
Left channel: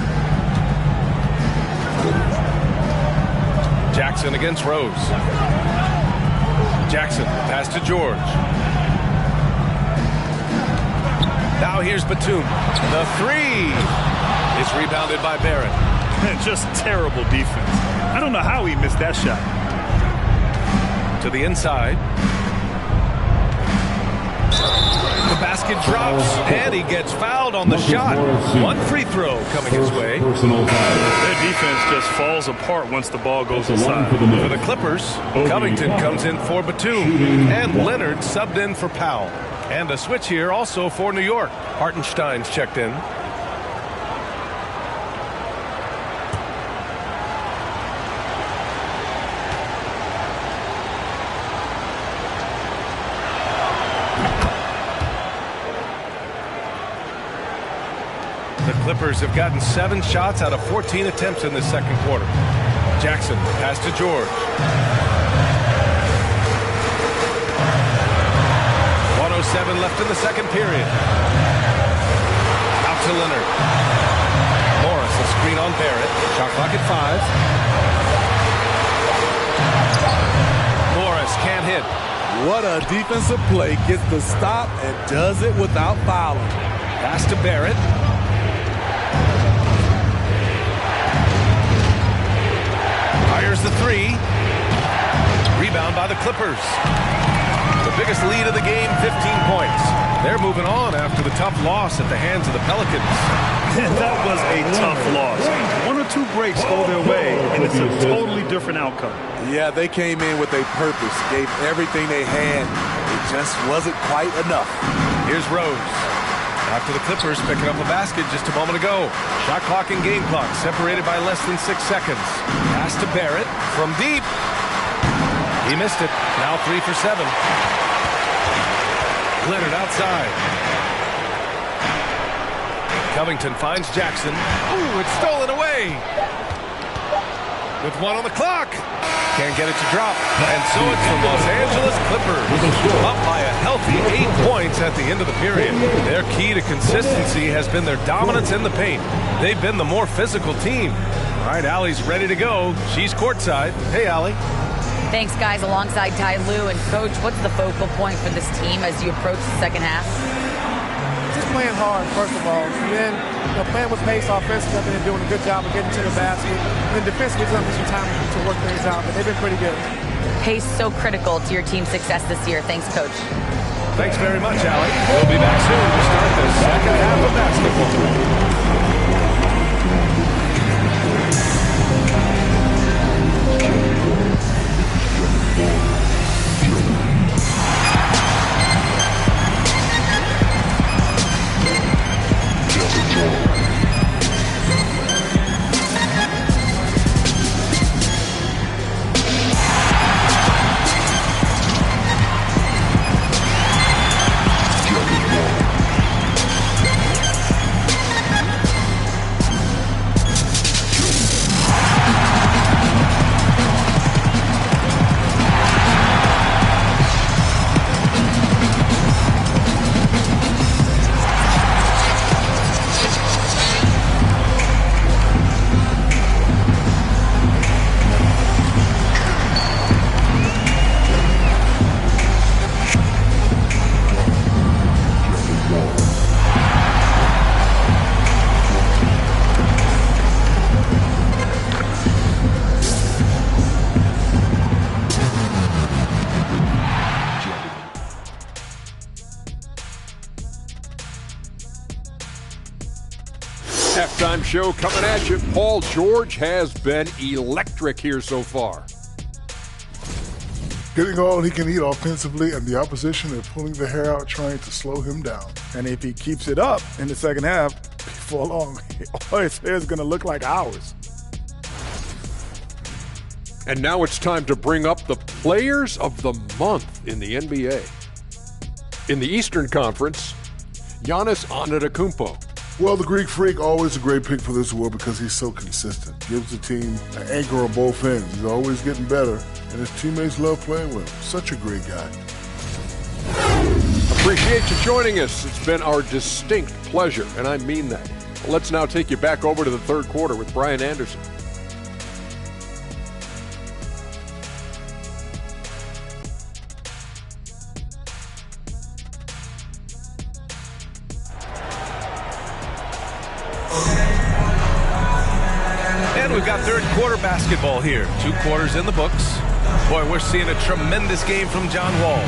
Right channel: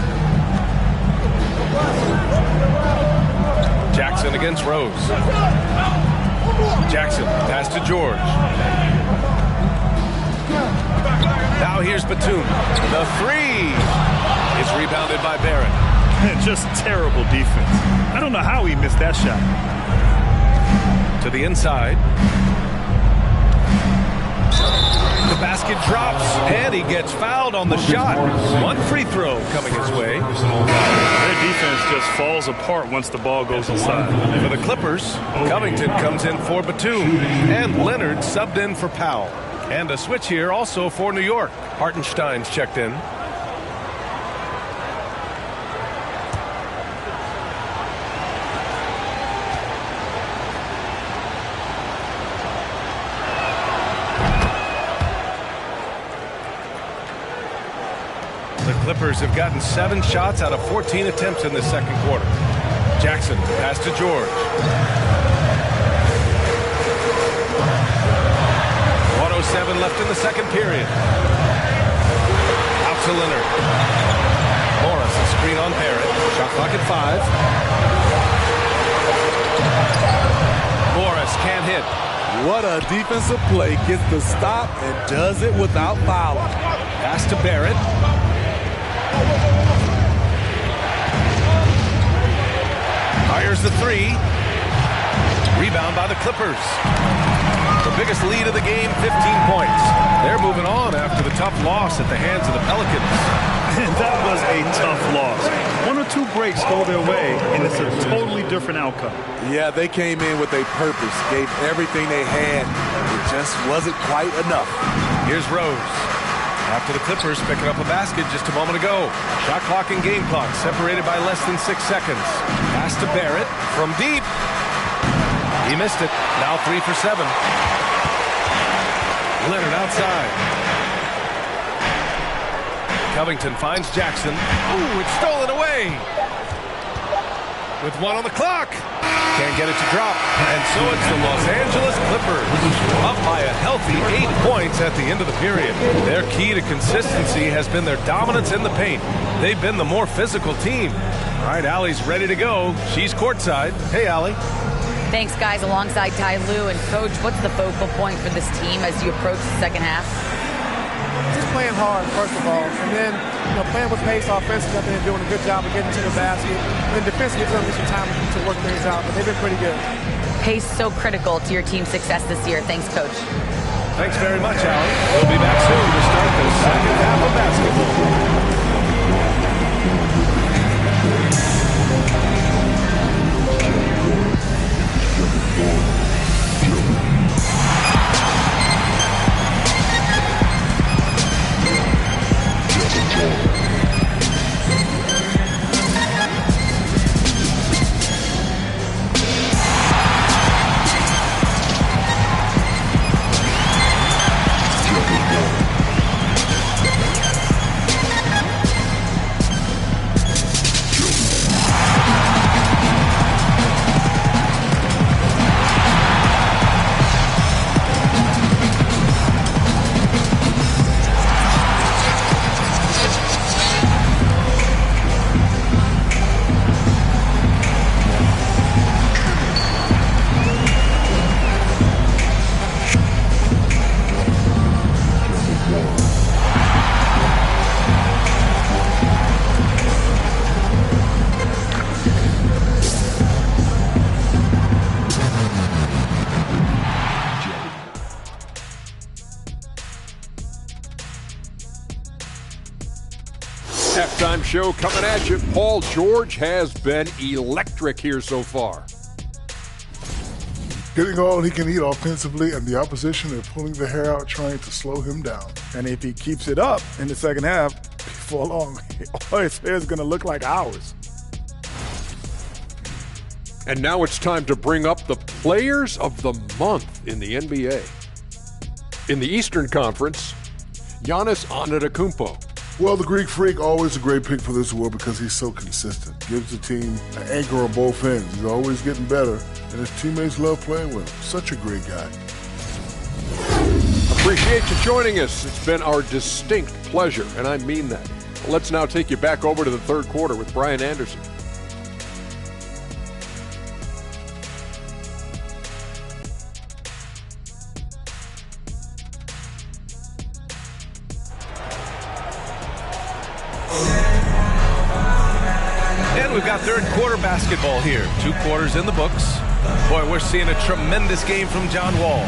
Jackson against Rose. Jackson, pass to George. Now here's Batum. The 3 is rebounded by Barrett. Just terrible defense. I don't know how he missed that shot. To the inside. The basket drops, and he gets fouled on the shot. 1 free throw coming his way. Their defense just falls apart once the ball goes inside. For the Clippers, Covington comes in for Batum, and Leonard subbed in for Powell. And a switch here also for New York. Hartenstein's checked in. The Clippers have gotten 7 shots out of 14 attempts in this second quarter. Jackson, pass to George. 1:07 left in the second period. Out to Leonard. Morris, a screen on Barrett. Shot clock at 5. Morris can't hit. What a defensive play. Gets the stop and does it without fouling. Pass to Barrett. Fires the 3. Rebound by the Clippers. The biggest lead of the game, 15 points. They're moving on after the tough loss at the hands of the Pelicans. That was a tough loss. 1 or 2 breaks go their way, and it's a totally different outcome. Yeah, they came in with a purpose, gave everything they had. It just wasn't quite enough. Here's Rose. After the Clippers picking up a basket just a moment ago. Shot clock and game clock separated by less than 6 seconds. Pass to Barrett from deep. He missed it. Now 3 for 7. Leonard outside. Covington finds Jackson. Ooh, it's stolen away. With 1 on the clock. Can't get it to drop. And so it's the Los Angeles Clippers. Up by a healthy 8 points at the end of the period. Their key to consistency has been their dominance in the paint. They've been the more physical team. All right, Allie's ready to go. She's courtside. Hey, Allie. Thanks, guys. Alongside Ty Lue. And, Coach, what's the focal point for this team as you approach the second half? playing hard, first of all, and then playing with pace offensively. I think they're doing a good job of getting to the basket. And then defensively, it's going to be some time to work things out, but they've been pretty good. Pace so critical to your team's success this year. Thanks, Coach. Thanks very much, Allie. We'll be back soon to start the second half of basketball. Halftime show coming at you. Paul George has been electric here so far. Getting all he can eat offensively, and the opposition are pulling their hair out trying to slow him down. And if he keeps it up in the second half, before long, all his hair is going to look like ours. And now it's time to bring up the players of the month in the NBA. In the Eastern Conference, Giannis Antetokounmpo. Well, the Greek Freak, always a great pick for this award because he's so consistent. Gives the team an anchor on both ends. He's always getting better, and his teammates love playing with him. Such a great guy. Appreciate you joining us. It's been our distinct pleasure, and I mean that. Let's now take you back over to the third quarter with Brian Anderson. And we've got third quarter basketball here. 2 quarters in the books. Boy, we're seeing a tremendous game from John Wall.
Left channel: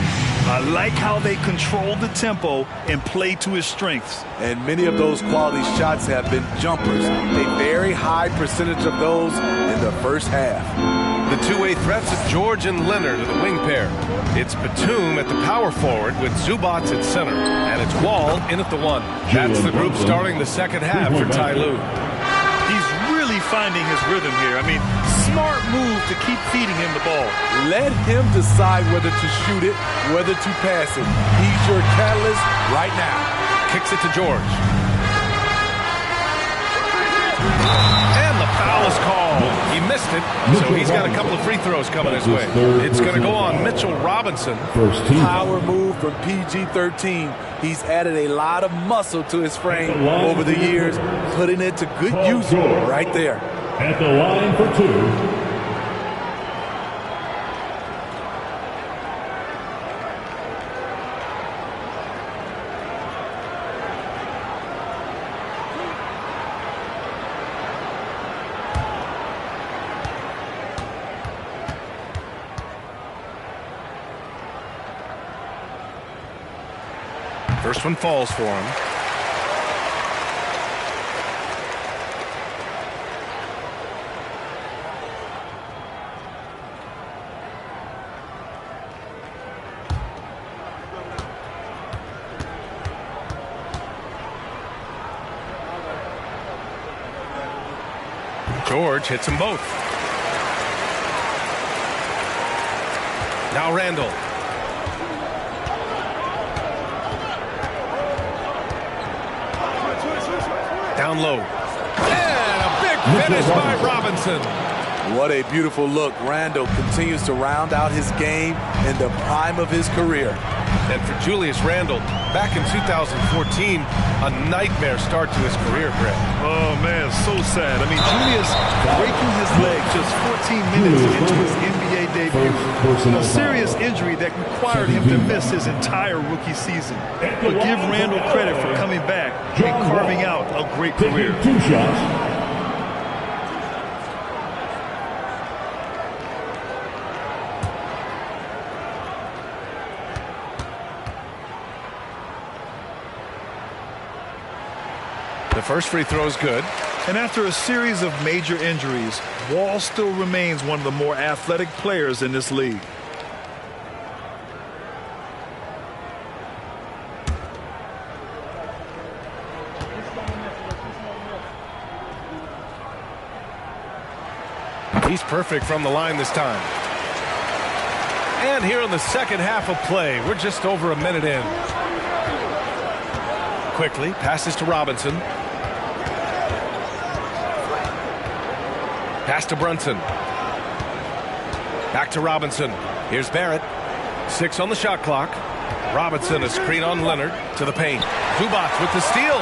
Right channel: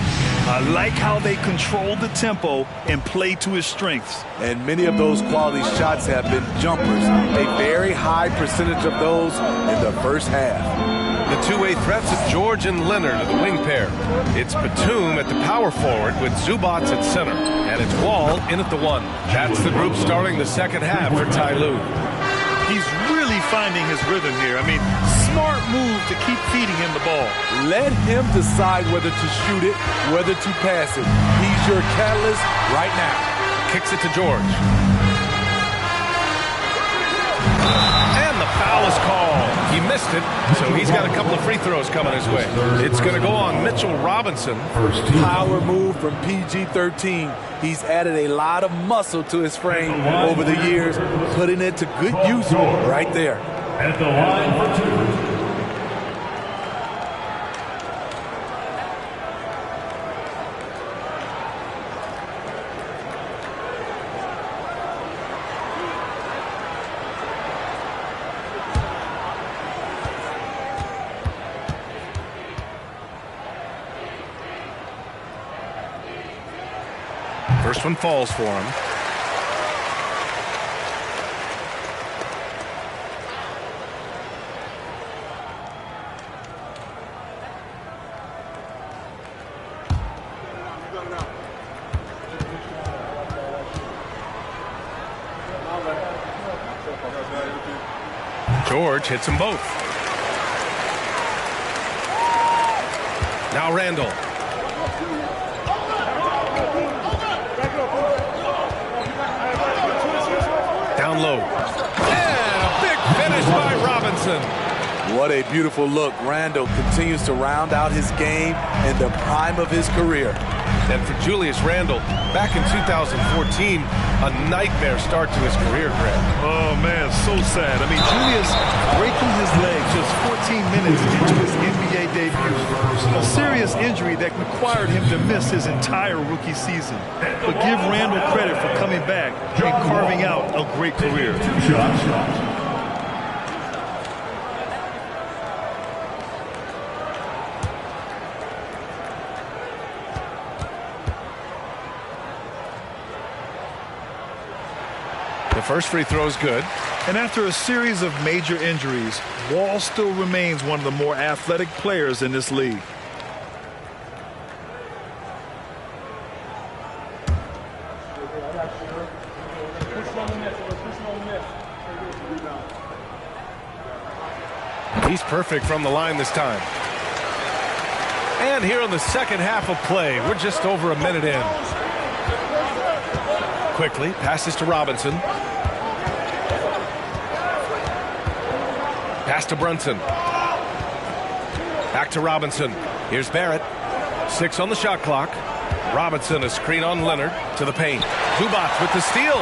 I like how they control the tempo and play to his strengths. And many of those quality shots have been jumpers. A very high percentage of those in the first half. The two-way threats of George and Leonard are the wing pair. It's Batum at the power forward with Zubats at center. And it's Wall in at the 1. That's the group starting the second half for Ty Lue. He's really finding his rhythm here. I mean, smart move to keep feeding him the ball. Let him decide whether to shoot it, whether to pass it. He's your catalyst right now. Kicks it to George. And the foul is called. He missed it, so he's got a couple of free throws coming his way. It's going to go on Mitchell Robinson. Power move from PG-13. He's added a lot of muscle to his frame over the years, putting it to good use right there. At the line for 2. First one falls for him. George hits them both. Now Randall. Down low. And a big finish by Robinson. What a beautiful look. Randall continues to round out his game in the prime of his career. And for Julius Randle, back in 2014, A nightmare start to his career, Greg. Oh, man, so sad. I mean, Julius breaking his leg just 14 minutes into his NBA debut. A serious injury that required him to miss his entire rookie season. But give Randall credit for coming back and carving out a great career. 2 shots. The first free throw is good. And after a series of major injuries, Wall still remains one of the more athletic players in this league. He's perfect from the line this time. And here in the second half of play, we're just over a minute in. Quickly, passes to Robinson. Pass to Brunson. Back to Robinson. Here's Barrett. 6 on the shot clock. Robinson, a screen on Leonard to the paint. Zubac with the steal.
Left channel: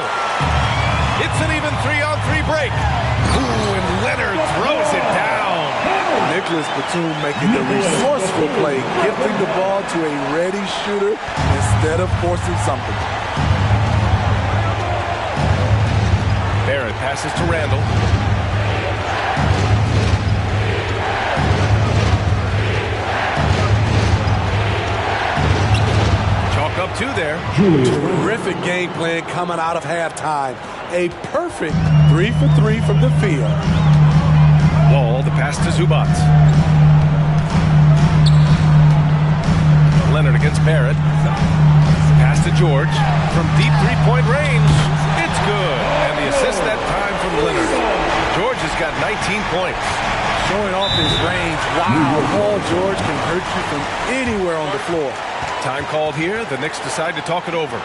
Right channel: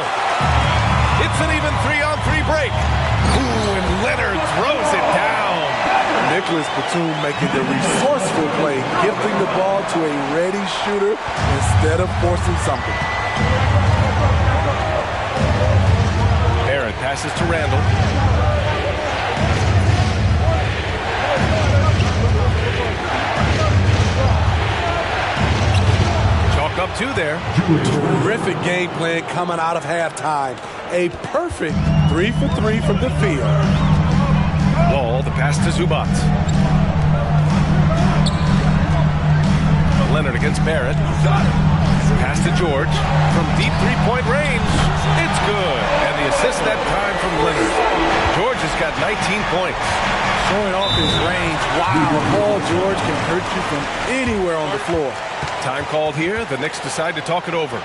It's an even 3-on-3 break. Ooh, and Leonard throws it down. Nicholas Batum making the resourceful play, gifting the ball to a ready shooter instead of forcing something. Barrett passes to Randall. Chalk up 2 there. Terrific game plan coming out of halftime. A perfect 3 for 3 from the field. Wall, the pass to Zubac. Leonard against Barrett. Pass to George from deep three-point range. It's good. And the assist that time from Leonard. George has got 19 points. Showing off his range. Wow, Paul George can hurt you from anywhere on the floor. Time called here. The Knicks decide to talk it over.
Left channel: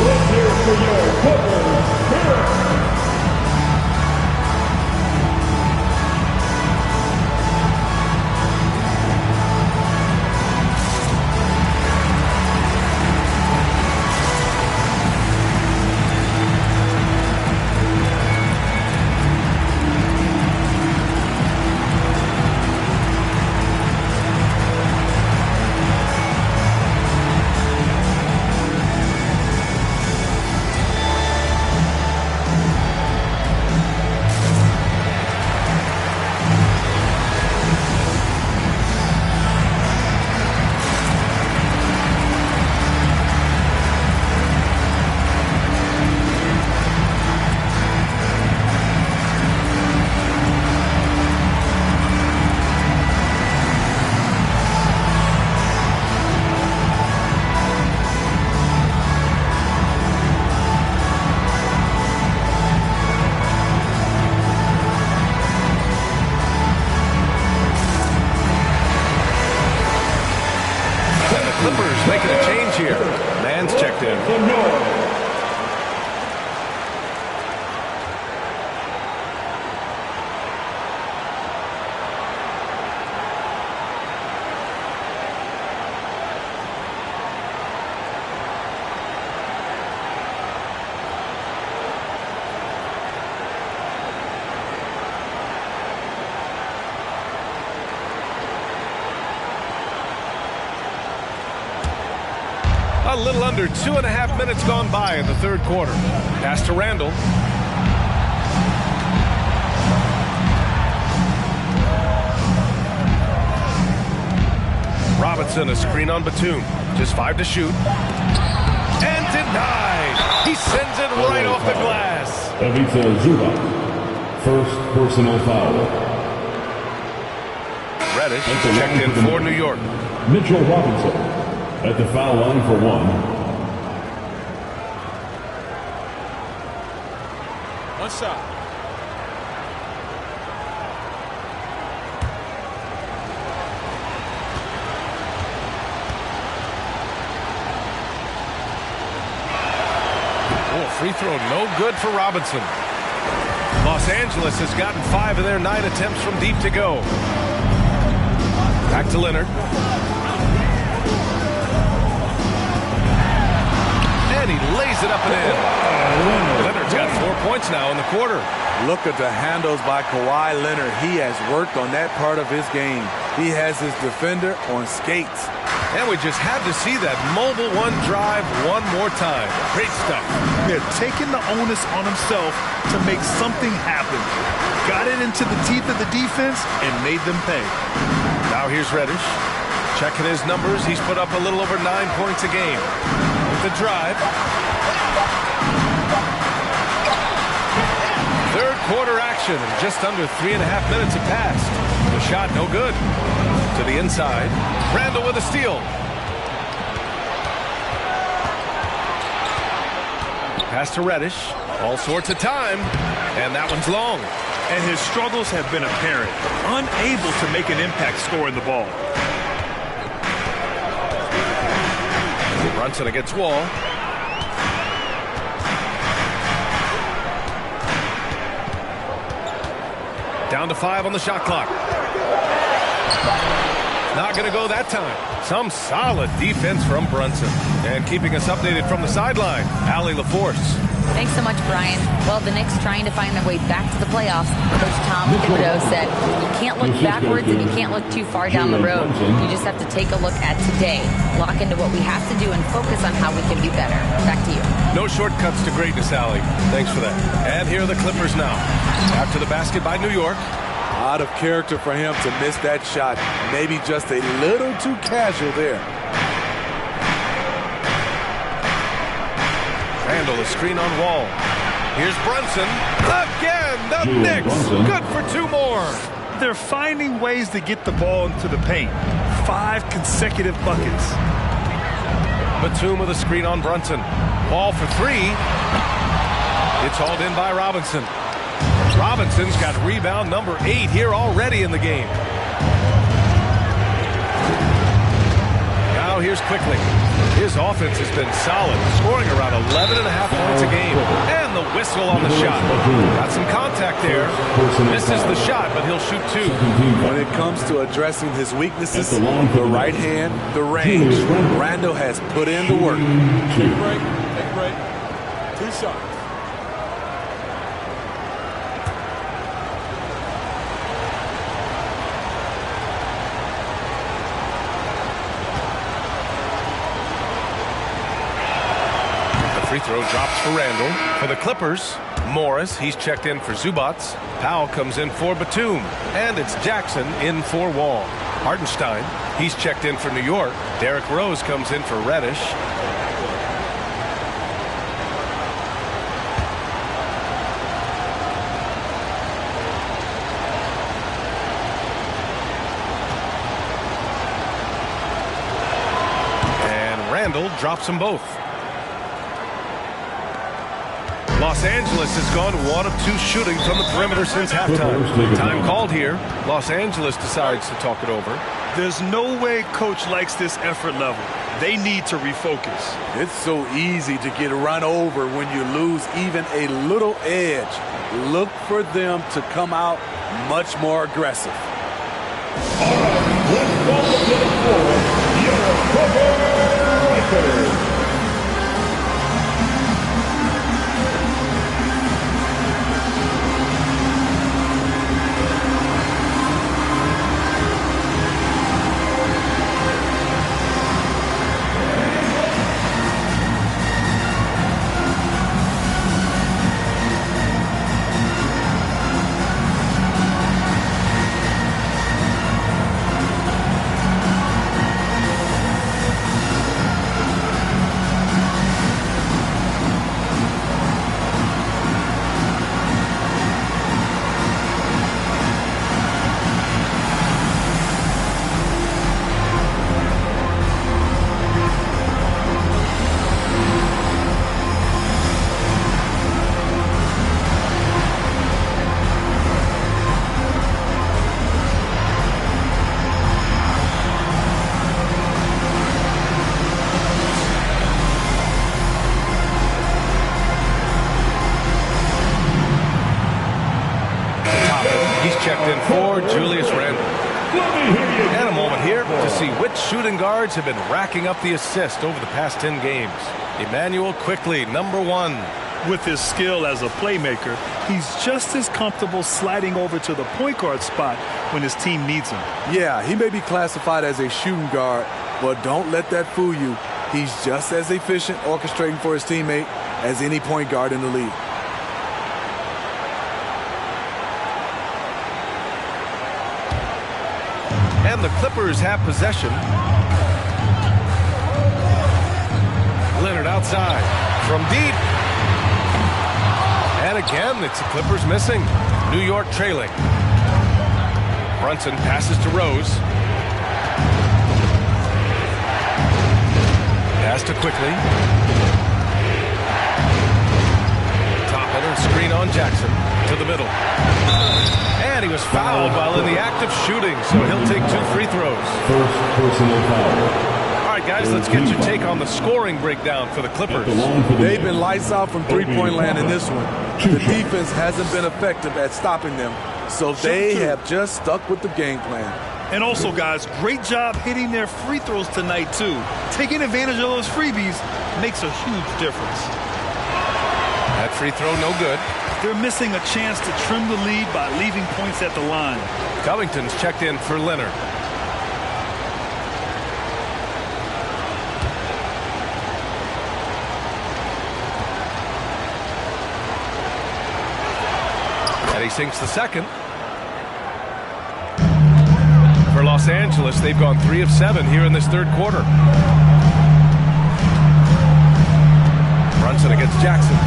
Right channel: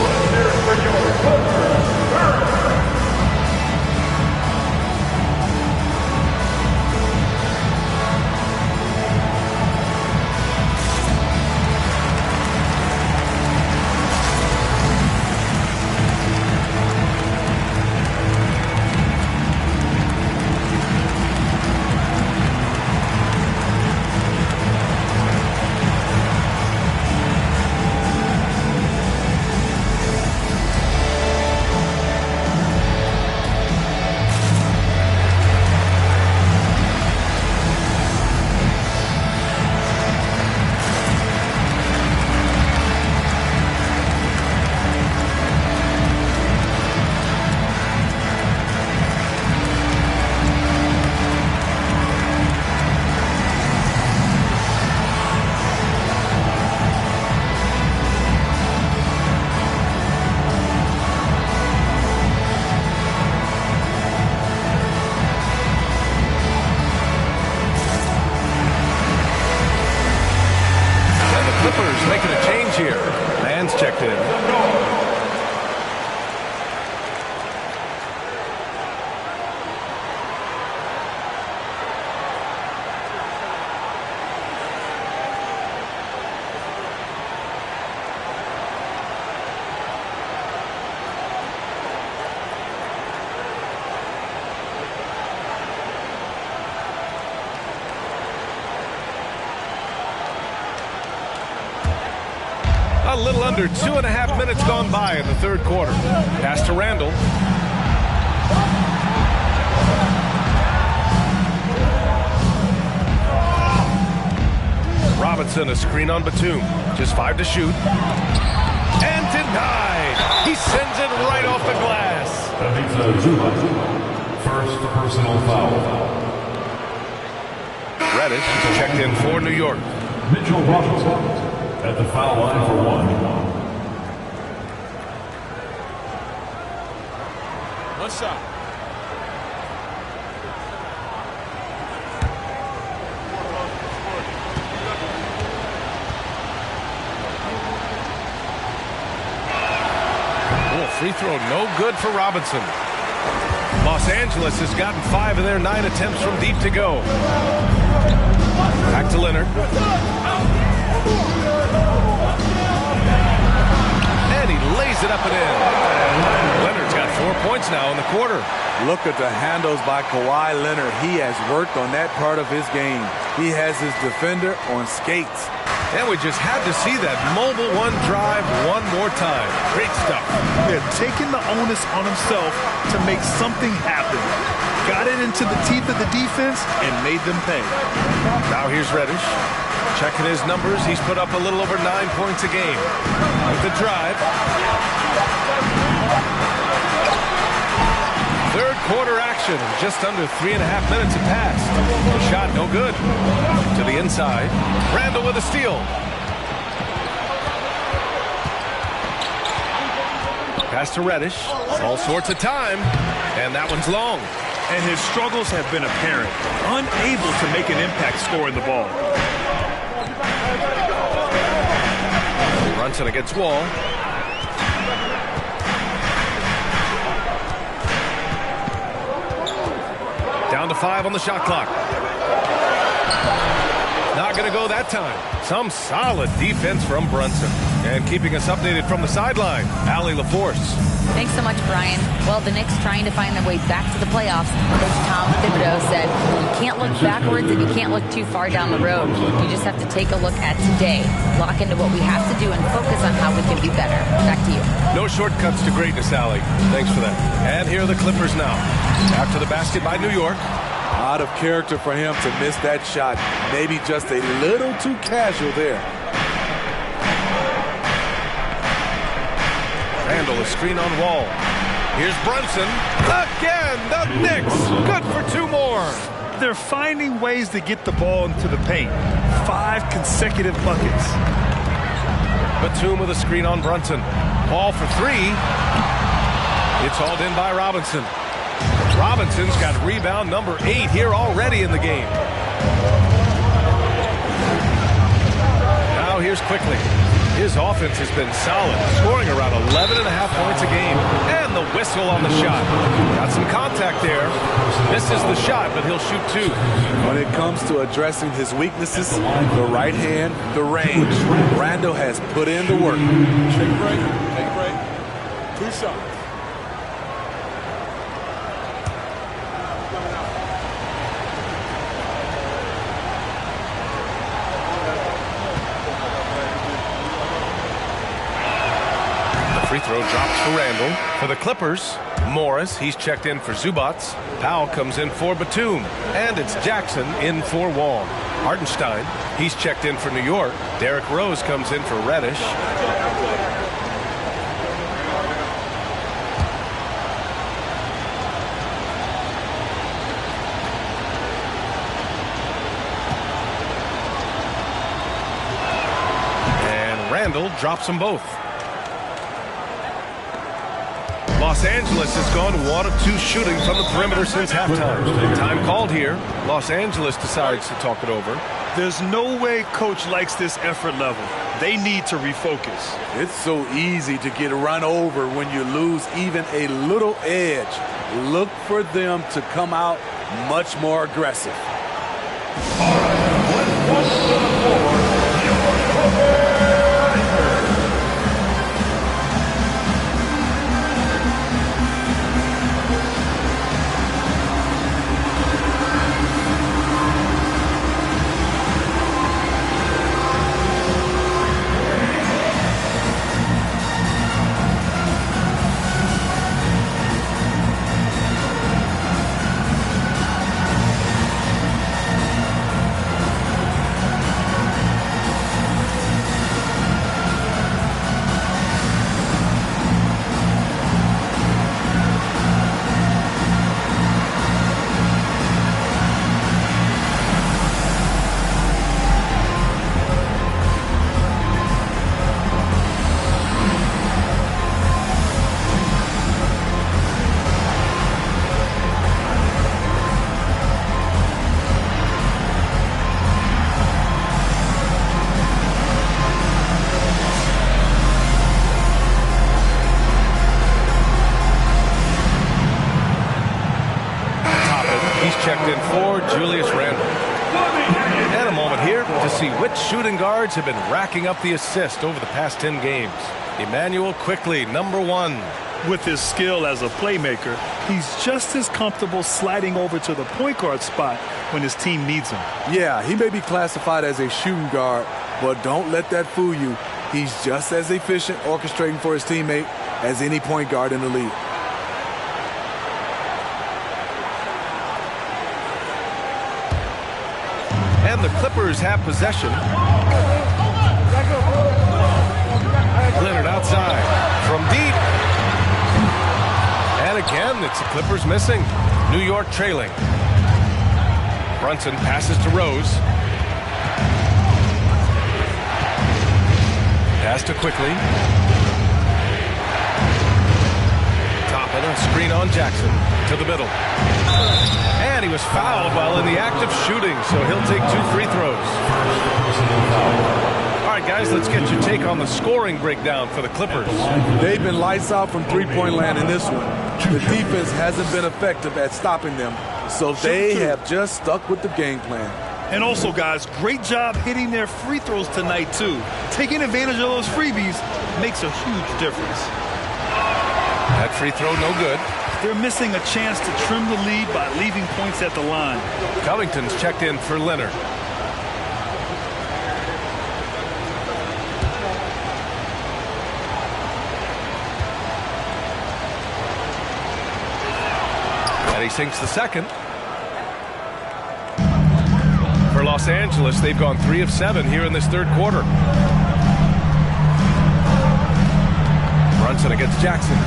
Let's hear it for your Clippers, Barrett. Clippers making a change here. Mann's checked in. A little under 2.5 minutes gone by in the third quarter. Pass to Randall. Robinson, a screen on Batum. Just 5 to shoot. And denied. He sends it right off the glass. Ivica Zubac, first personal foul. Reddish checked in for New York. Mitchell Robinson at the foul line for 1. One shot. Free throw no good for Robinson. Los Angeles has gotten 5 of their 9 attempts from deep to go. Back to Leonard. And he lays it up and in. Leonard's got 4 points now in the quarter. Look at the handles by Kawhi Leonard. He has worked on that part of his game. He has his defender on skates. And we just had to see that mobile one drive one more time. Great stuff. They're taking the onus on himself to make something happen. Got it into the teeth of the defense and made them pay. Now here's Reddish. Checking his numbers. He's put up a little over 9 points a game. With the drive. Third quarter action. Just under 3.5 minutes have passed. The shot no good. To the inside. Randall with a steal. Pass to Reddish. All sorts of time. And that one's long. And his struggles have been apparent. Unable to make an impact scoring the ball. Brunson against Wall. Down to 5 on the shot clock. Not going to go that time. Some solid defense from Brunson. And keeping us updated from the sideline, Allie LaForce. Thanks so much, Brian. Well, the Knicks trying to find their way back to the playoffs. Coach Tom Thibodeau said, you can't look backwards and you can't look too far down the road. You just have to take a look at today, lock into what we have to do, and focus on how we can be better. Back to you. No shortcuts to greatness, Allie. Thanks for that. And here are the Clippers now. After the basket by New York. Out of character for him to miss that shot. Maybe just a little too casual there. Randall, a screen on Wall. Here's Brunson. Again, the Knicks. Good for 2 more. They're finding ways to get the ball into the paint. 5 consecutive buckets. Batum with a screen on Brunson. Wall for 3. It's hauled in by Robinson. Robinson's got rebound number 8 here already in the game. Now here's Quickly. His offense has been solid, scoring around 11.5 points a game. And the whistle on the shot. Got some contact there. Misses the shot, but he'll shoot 2. When it comes to addressing his weaknesses, the right hand, the range, Randall has put in the work. Take a break. Take a break. 2 shots. Free throw drops for Randall. For the Clippers, Morris, he's checked in for Zubats. Powell comes in for Batum. And it's Jackson in for Wall. Hartenstein, he's checked in for New York. Derrick Rose comes in for Reddish. And Randall drops them both. Los Angeles has gone 1 of 2 shooting from the perimeter since halftime. Time called here. Los Angeles decides to talk it over. There's no way coach likes this effort level. They need to refocus. It's so easy to get run over when you lose even a little edge. Look for them to come out much more aggressive. All right, let's welcome to the floor, your Clipper Strikers. for Julius Randle. And a moment here to see which shooting guards have been racking up the assist over the past 10 games. Emmanuel Quickley, number 1. With his skill as a playmaker, he's just as comfortable sliding over to the point guard spot when his team needs him. Yeah, he may be classified as a shooting guard, but don't let that fool you. He's just as efficient orchestrating for his teammate as any point guard in the league. And the Clippers have possession. Leonard outside from deep. And again, it's the Clippers missing. New York trailing. Brunson passes to Rose. Pass to Quickley. Toppin, a screen on Jackson to the middle. And he was fouled while in the act of shooting, so he'll take 2 free throws. First personal foul. All right, guys, let's get your take on the scoring breakdown for the Clippers. They've been lights out from three-point land in this one. The defense hasn't been effective at stopping them, so they have just stuck with the game plan. And also, guys, great job hitting their free throws tonight, too. Taking advantage of those freebies makes a huge difference. That free throw no good. They're missing a chance to trim the lead by leaving points at the line. Covington's checked in for Leonard. And he sinks the second. For Los Angeles, they've gone 3 of 7 here in this third quarter. Brunson against Jackson.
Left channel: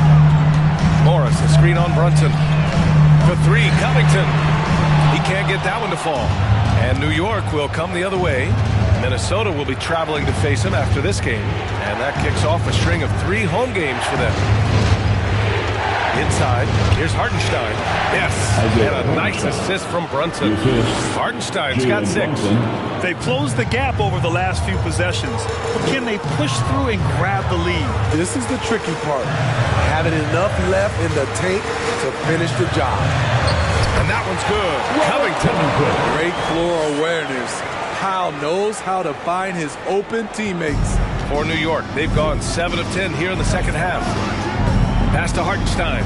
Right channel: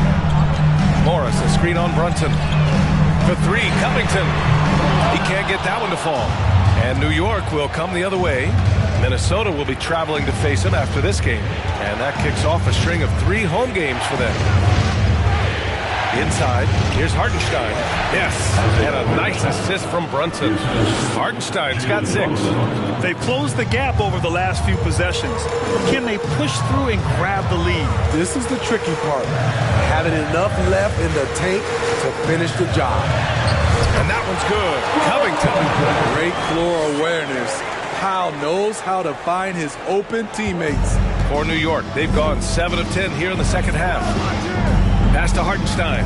Morris, a screen on Brunson. For 3, Covington. He can't get that one to fall. And New York will come the other way. Minnesota will be traveling to face him after this game. And that kicks off a string of 3 home games for them. Inside, here's Hartenstein. Yes, and a nice assist from Brunson. Hartenstein's got 6. They've closed the gap over the last few possessions, but can they push through and grab the lead? This is the tricky part. Having enough left in the tank to finish the job. And that one's good. Covington. Great floor awareness. Powell knows how to find his open teammates. For New York, they've gone 7 of 10 here in the second half. Pass to Hartenstein.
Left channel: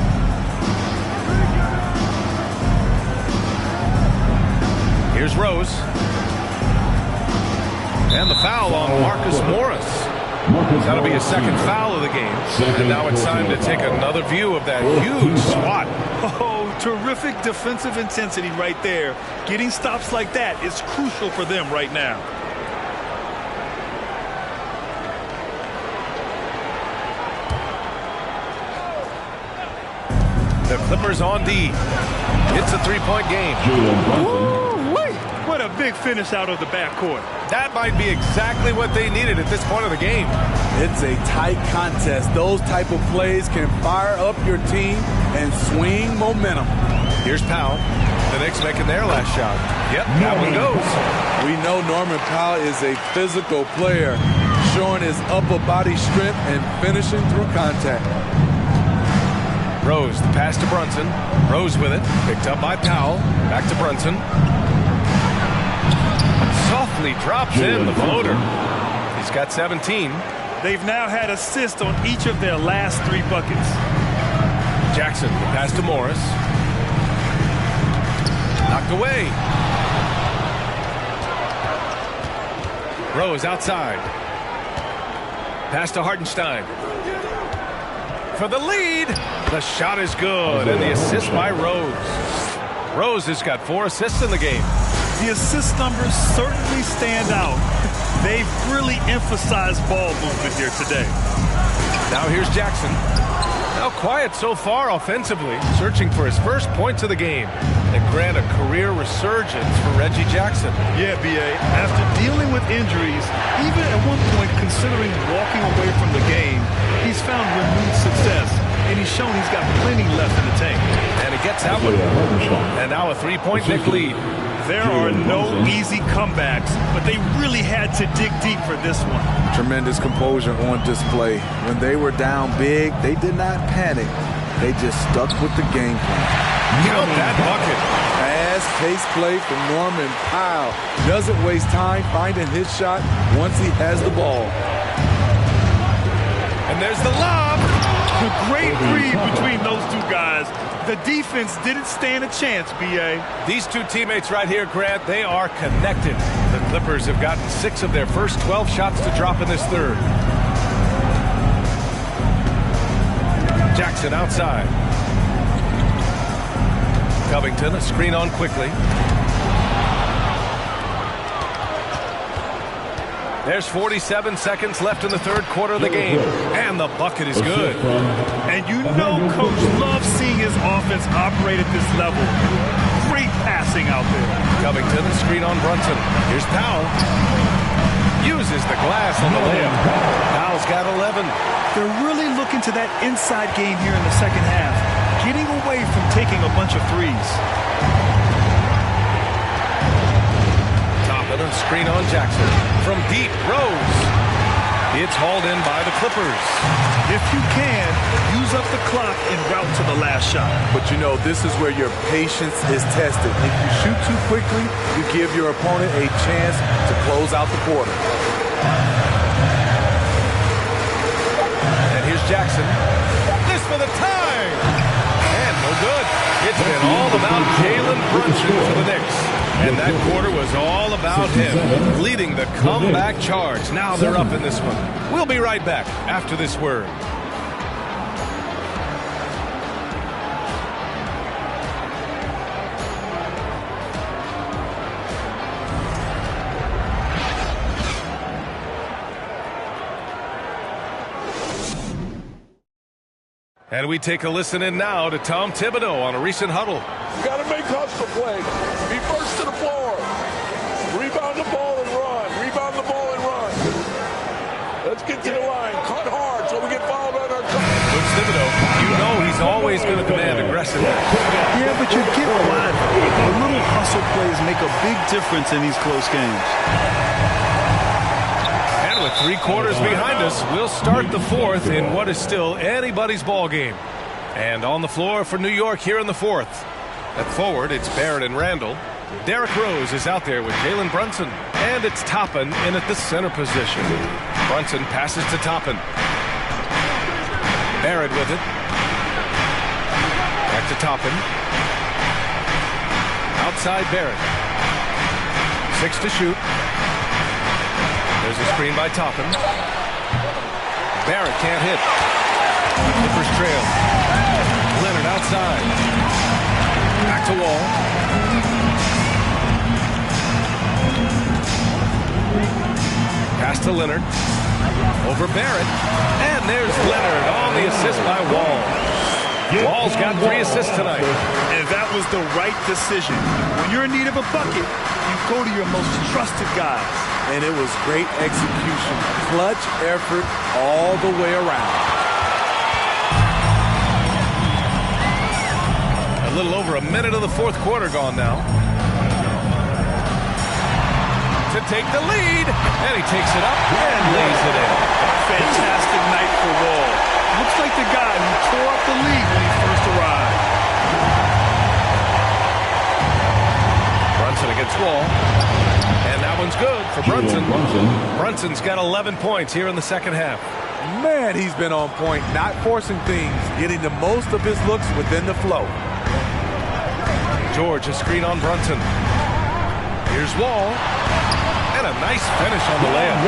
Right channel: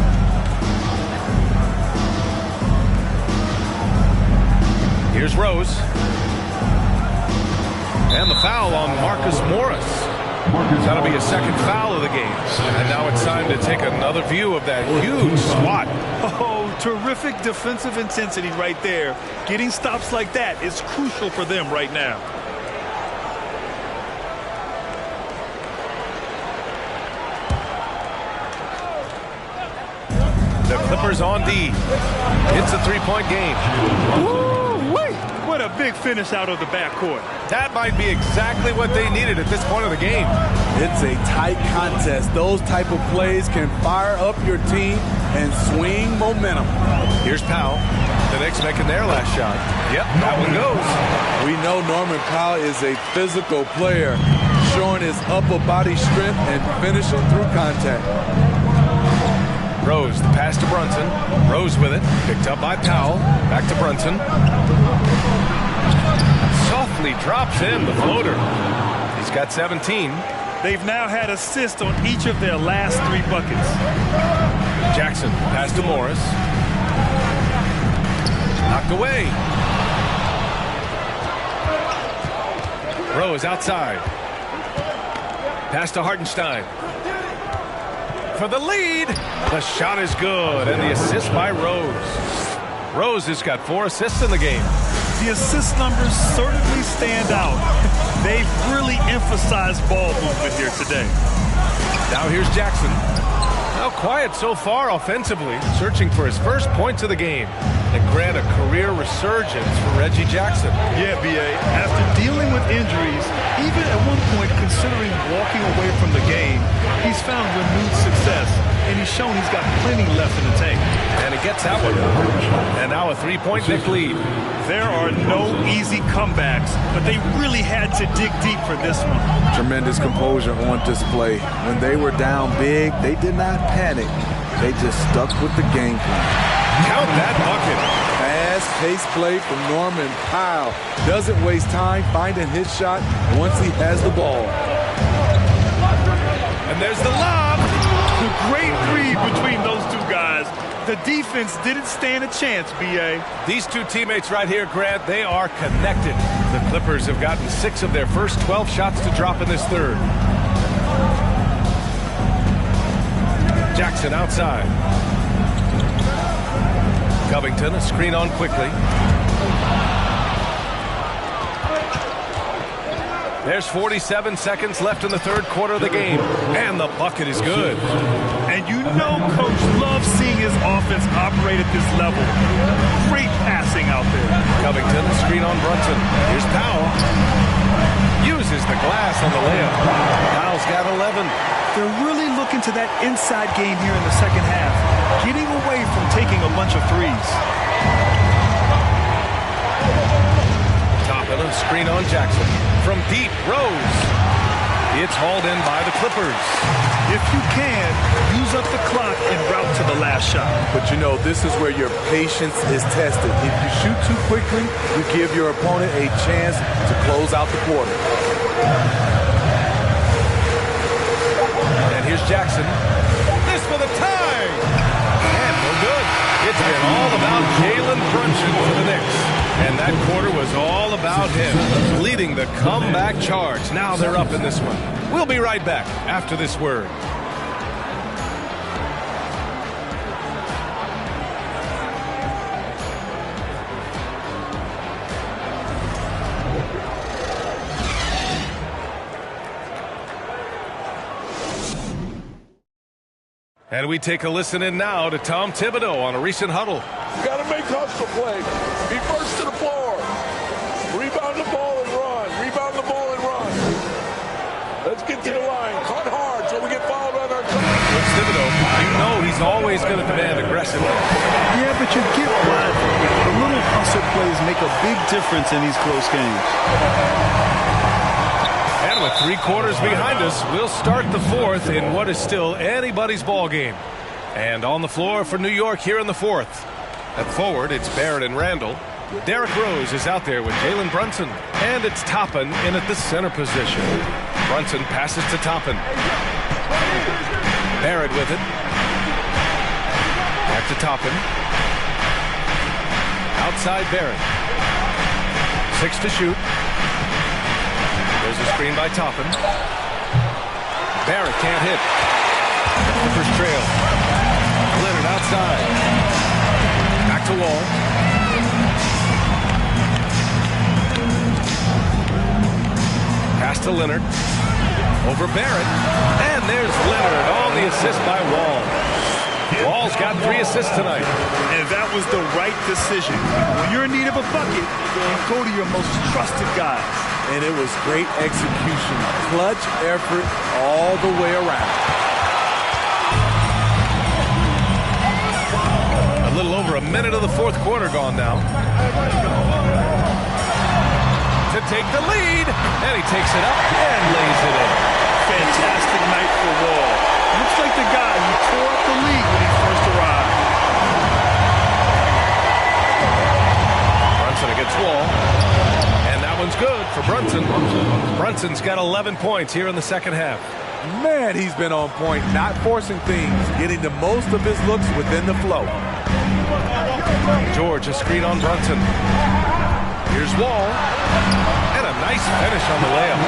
Here's Rose. And the foul on Marcus Morris. That'll be his second foul of the game. And now it's time to take another view of that huge swat. Oh, terrific defensive intensity right there. Getting stops like that is crucial for them right now. The Clippers on D. It's a 3-point game. Woo-wee! What a big finish out of the backcourt. That might be exactly what they needed at this point of the game. It's a tight contest. Those type of plays can fire up your team and swing momentum. Here's Powell. The Knicks making their last shot. Yep, that one goes. We know Norman Powell is a physical player, showing his upper body strength and finishing through contact. Rose, the pass to Brunson. Rose with it. Picked up by Powell. Back to Brunson. Softly drops in the floater. He's got 17. They've now had assists on each of their last 3 buckets. Jackson, the pass to Morris. Knocked away. Rose outside. Pass to Hartenstein. For the lead. The shot is good, and the assist by Rose. Rose has got 4 assists in the game. The assist numbers certainly stand out. They've really emphasized ball movement here today. Now here's Jackson. Now quiet so far offensively, searching for his first points of the game. And grant a career resurgence for Reggie Jackson. Yeah, B.A., after dealing with injuries, even at one point considering walking away from the game, he's found renewed success, and he's shown he's got plenty left in the tank. And he gets that one. And now a 3-point Knicks lead. There are no easy comebacks, but they really had to dig deep for this one. Tremendous composure on display. When they were down big, they did not panic. They just stuck with the game plan. Count that bucket. Fast-paced play from Norman Powell. Doesn't waste time finding his shot once he has the ball. And there's the lob. The great read between those two guys. The defense didn't stand a chance, B.A. These two teammates right here, Grant, they are connected. The Clippers have gotten 6 of their first 12 shots to drop in this third. Jackson outside. Covington, a screen on quickly. There's 47 seconds left in the third quarter of the game, and the bucket is good. And you know Coach loves seeing his offense operate at this level. Great passing out there. Covington, a screen on Brunson. Here's Powell. Uses the glass on the layup. Powell's got 11. They're really looking to that inside game here in the second half, getting away from taking a bunch of threes. Toppin, a screen on Jackson. From deep, Rose. It's hauled in by the Clippers. If you can, use up the clock en route to the last shot. But you know, this is where your patience is tested. If you shoot too quickly, you give your opponent a chance to close out the quarter. And here's Jackson. This for the tie. And no good. It's been all about Jalen Brunson for the Knicks. And that quarter was all about him, leading the comeback charge. Now they're up in this one. We'll be right back after this word. And we take a listen in now to Tom Thibodeau on a recent huddle. You got to make hustle play. Be first to the floor. Rebound the ball and run. Rebound the ball and run. Let's get to the line. Cut hard so we get fouled on our cut. Coach Thibodeau, you know he's always going to demand aggressiveness. Yeah, but you get why, though. The little hustle plays make a big difference in these close games. And with 3 quarters behind us, we'll start the fourth in what is still anybody's ball game. And on the floor for New York here in the fourth. At forward, it's Barrett and Randall. Derrick Rose is out there with Jalen Brunson. And it's Toppin in at the center position. Brunson passes to Toppin. Barrett with it. Back to Toppin. Outside Barrett. 6 to shoot. There's a screen by Toppin. Barrett can't hit. The Clippers trail. Leonard outside. Back to Wall. Pass to Leonard. Over Barrett. And there's Leonard on the assist by Wall. Wall's got 3 assists tonight. And that was the right decision. When you're in need of a bucket, you go to your most trusted guys. And it was great execution. Clutch effort all the way around. A little over a minute of the fourth quarter gone now. To take the lead. And he takes it up and lays it in. Fantastic night for Wall. Looks like the guy who tore up the league when he first arrived. Brunson against Wall. And that one's good for Brunson. Brunson's got 11 points here in the second half. Man, he's been on point, not forcing things, getting the most of his looks within the flow. George, a screen on Brunson. Here's Wall. And a nice finish on the layup.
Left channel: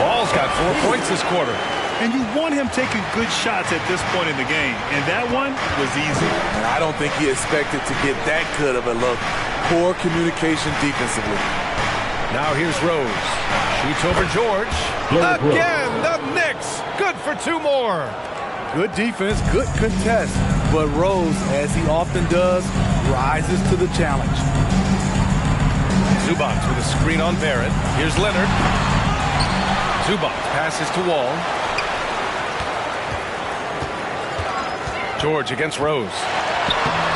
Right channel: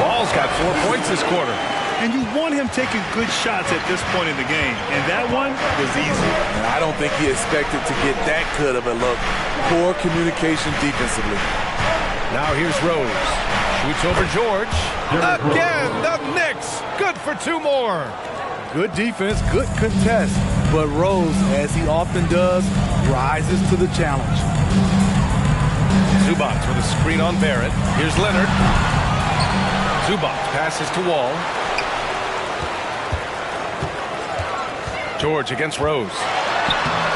Wall's got 4 points this quarter. And you want him taking good shots at this point in the game. And that one was easy. And I don't think he expected to get that good of a look. Poor communication defensively. Now here's Rose. Shoots over George. Again, the Knicks. Good for 2 more. Good defense, good contest. But Rose, as he often does, rises to the challenge. Zubac with a screen on Barrett. Here's Leonard. Zubac passes to Wall. George against Rose.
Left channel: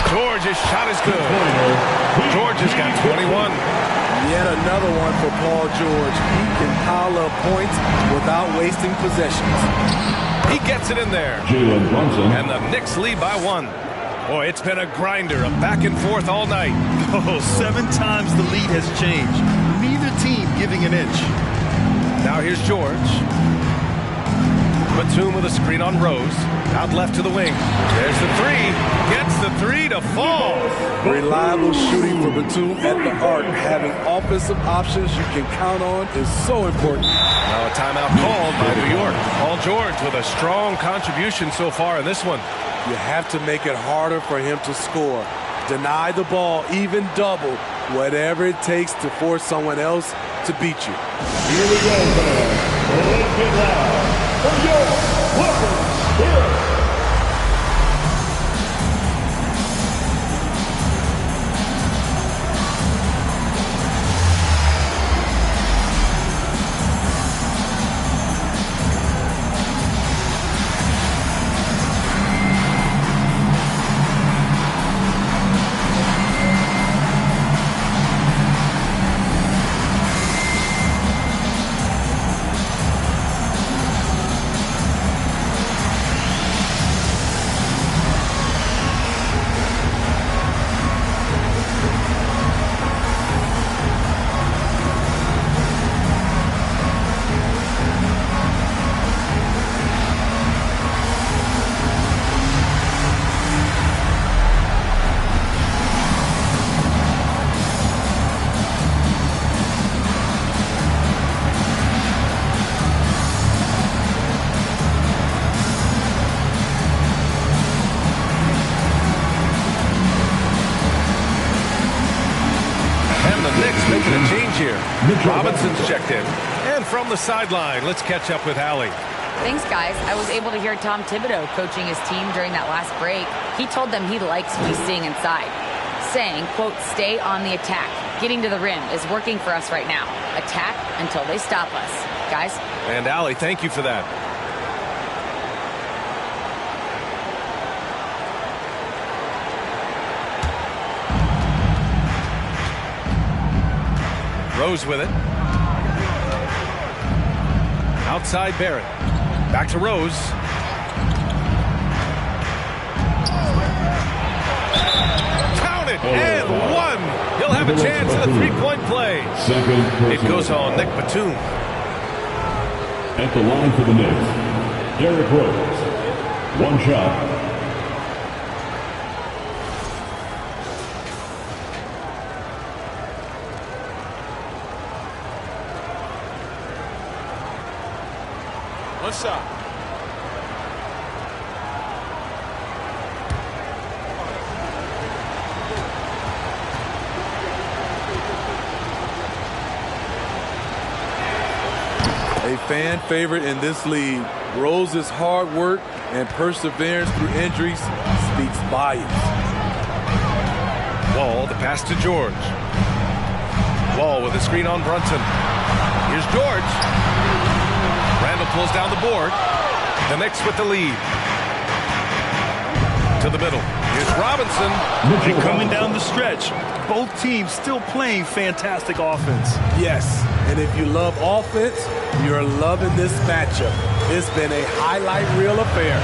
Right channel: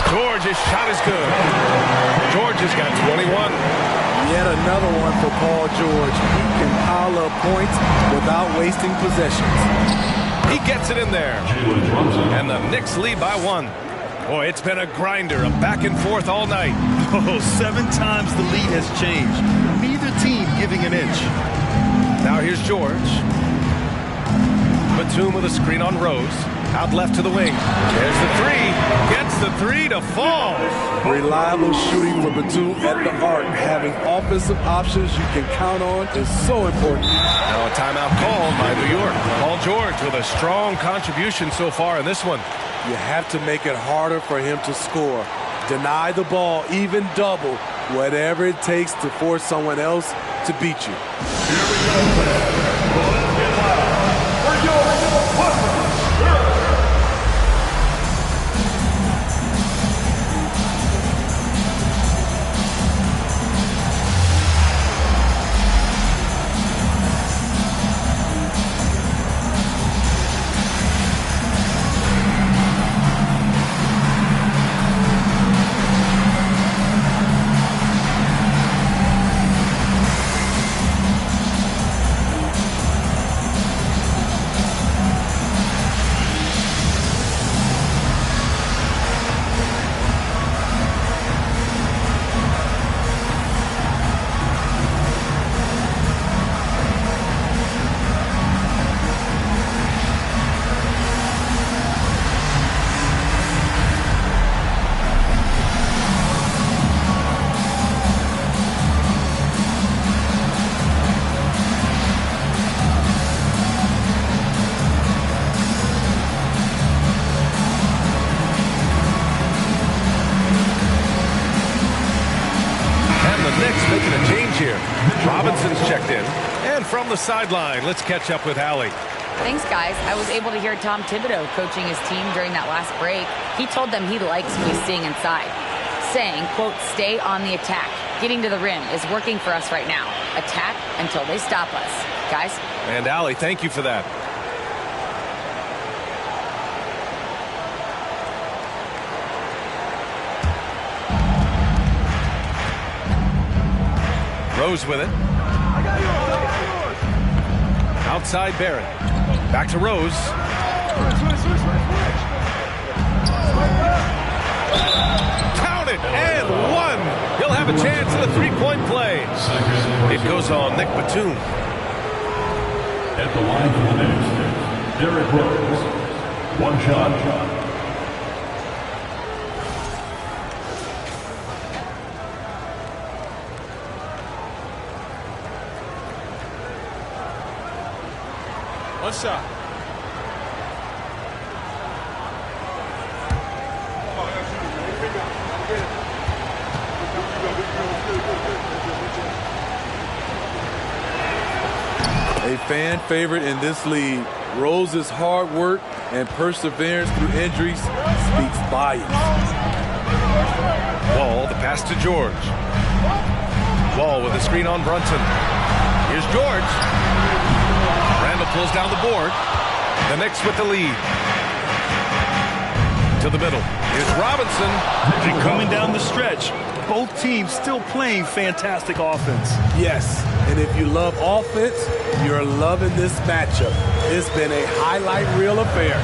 George's shot is good. George has got 21. Yet another one for Paul George. He can pile up points without wasting possessions. He gets it in there. And the Knicks lead by 1. Boy, it's been a grinder, a back and forth all night. Oh, 7 times the lead has changed. Neither team giving an inch. Now here's George. Batum with a screen on Rose. Out left to the wing. There's the three. Gets the three to fall. Reliable shooting for Batum at the arc. Having offensive options you can count on is so important. Now a timeout called by New York. Paul George with a strong contribution so far in this one. You have to make it harder for him to score. Deny the ball, even double, whatever it takes to force someone else to beat you. Here we go, fans. Let's get loud for your Clippers Spirit. And the Knicks making a change here. Robinson's checked in. And from the sideline, let's catch up with Allie. Thanks, guys. I was able to hear Tom Thibodeau coaching his team during that last break. He told them he likes what he's seeing inside, saying, quote, stay on the attack. Getting to the rim is working for us right now. Attack until they stop us. Guys? And Allie, thank you for that. Rose with it. Outside Barrett. Back to Rose. Count it and one. He'll have a chance at a three-point play. It goes on Nick Batum. At the line for the Knicks, Derrick Rose. One shot. One shot. A fan favorite in this league, Rose's hard work and perseverance through injuries speaks volumes. Wall, the pass to George. Wall with a screen on Brunson. Here's George. Randall pulls down the board. The Knicks with the lead. To the middle. Here's Robinson. And coming down the stretch, both teams still playing fantastic offense. Yes, and if you love offense, you're loving this matchup. It's been a highlight reel affair.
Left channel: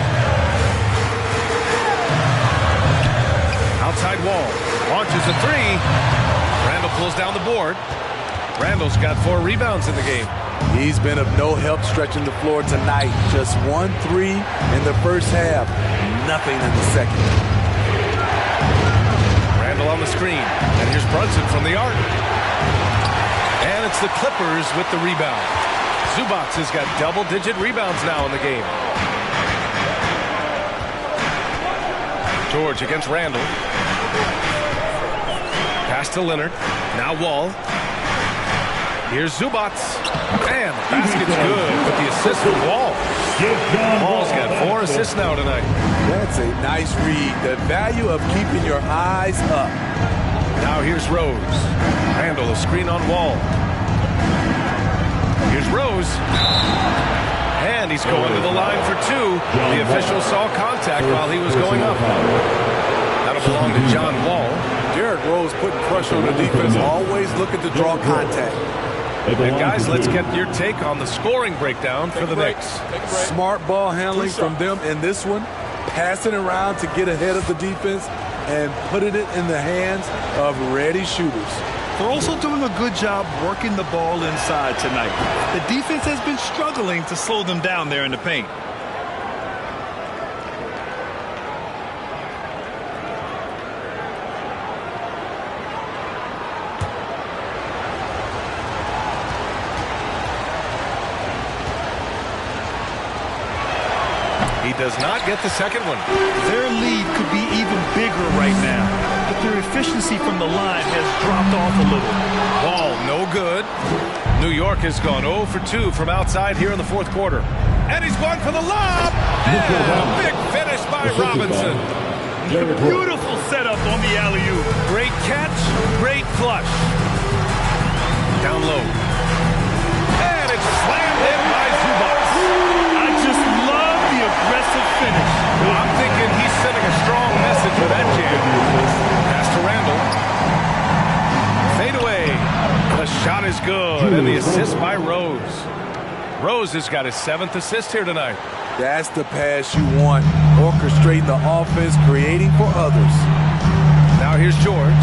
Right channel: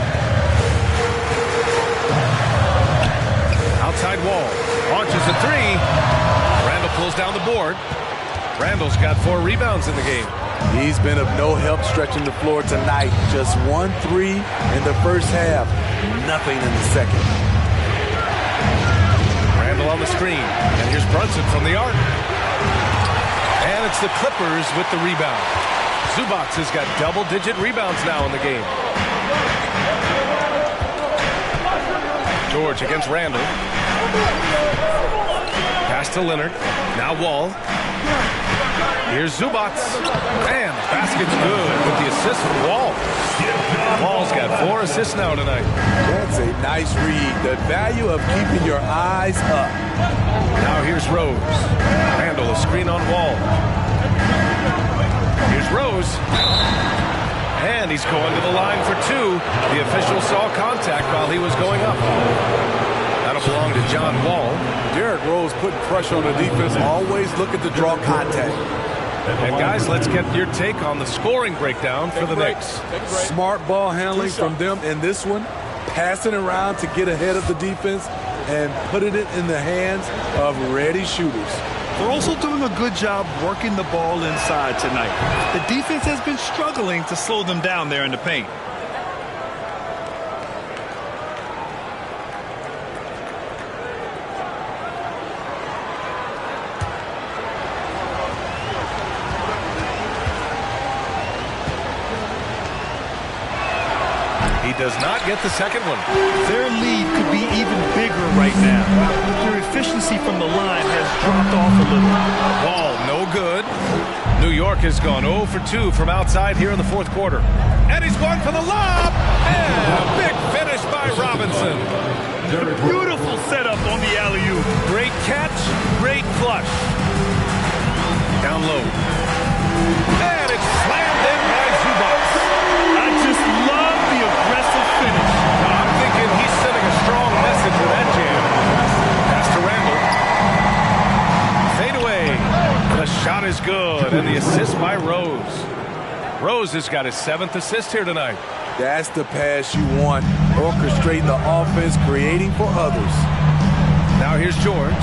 Outside Wall. Launches a three. Randall pulls down the board. Randall's got 4 rebounds in the game. He's been of no help stretching the floor tonight. Just 1 3 in the first half. Nothing in the second. Randall on the screen. And here's Brunson from the arc. And it's the Clippers with the rebound. Zubac has got double-digit rebounds now in the game. George against Randall. Pass to Leonard. Now Wall. Here's Zubac. And the basket's good with the assist from Wall. Wall's got 4 assists now tonight. That's a nice read. The value of keeping your eyes up. Now here's Rose. Randall, a screen on Wall. Here's Rose. And he's going to the line for 2. The official saw contact while he was going up. That'll belong to John Wall. Derrick Rose putting pressure on the defense, always looking to draw contact. And guys, let's get your take on the scoring breakdown for the Knicks. Smart ball handling from them in this one. passing around to get ahead of the defense and putting it in the hands of ready shooters. They're also doing a good job working the ball inside tonight. The defense has been struggling to slow them down there in the paint. He does not get the second one. Their lead could be even bigger right now, but their efficiency from the line has dropped off a little. Ball no good. New York has gone 0 for 2 from outside here in the fourth quarter. And he's going for the lob. And a big finish by Robinson. Beautiful setup on the alley-oop. Great catch, great flush. Down low. And it's slammed in by Zubac. I just love the aggressive finish. Now, I'm thinking he's sending a strong message with that jam. Pass to Randall. Fade away. The shot is good, and the assist by Rose. Rose has got his 7th assist here tonight. That's the pass you want. Orchestrating the offense, creating for others. Now here's George.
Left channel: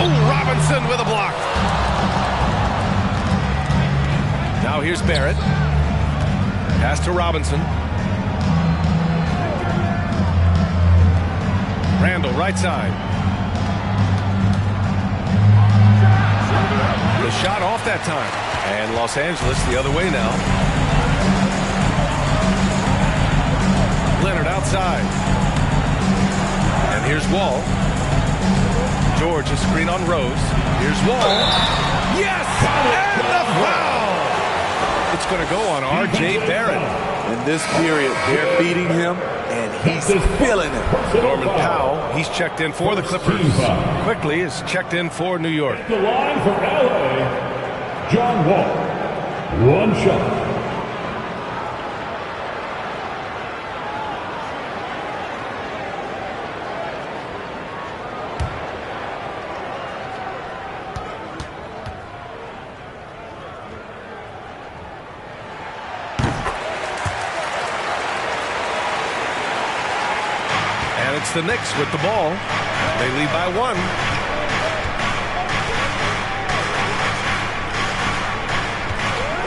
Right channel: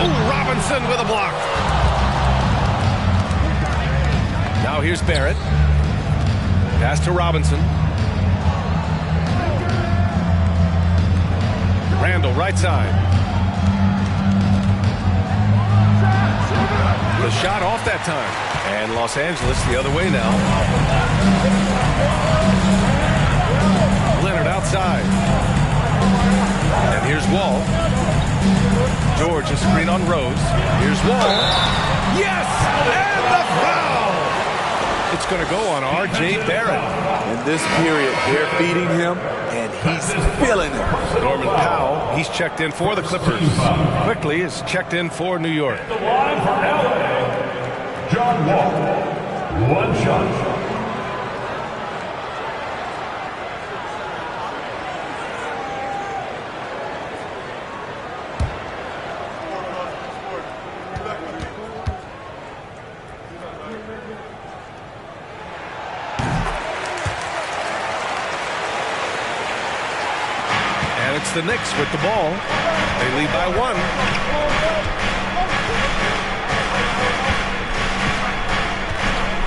Oh, Robinson with a block. Now here's Barrett. Pass to Robinson. Randall, right side. The shot off that time. And Los Angeles the other way now. Leonard outside. And here's Wall. George, a screen on Rose. Here's Wall. Yes! And the foul! It's going to go on R.J. Barrett. In this period, they're feeding him, and he's feeling it. Norman Powell, he's checked in for the Clippers. Quickly is checked in for New York. The line for L.A., John Wall. One shot. And it's the Knicks with the ball. They lead by 1.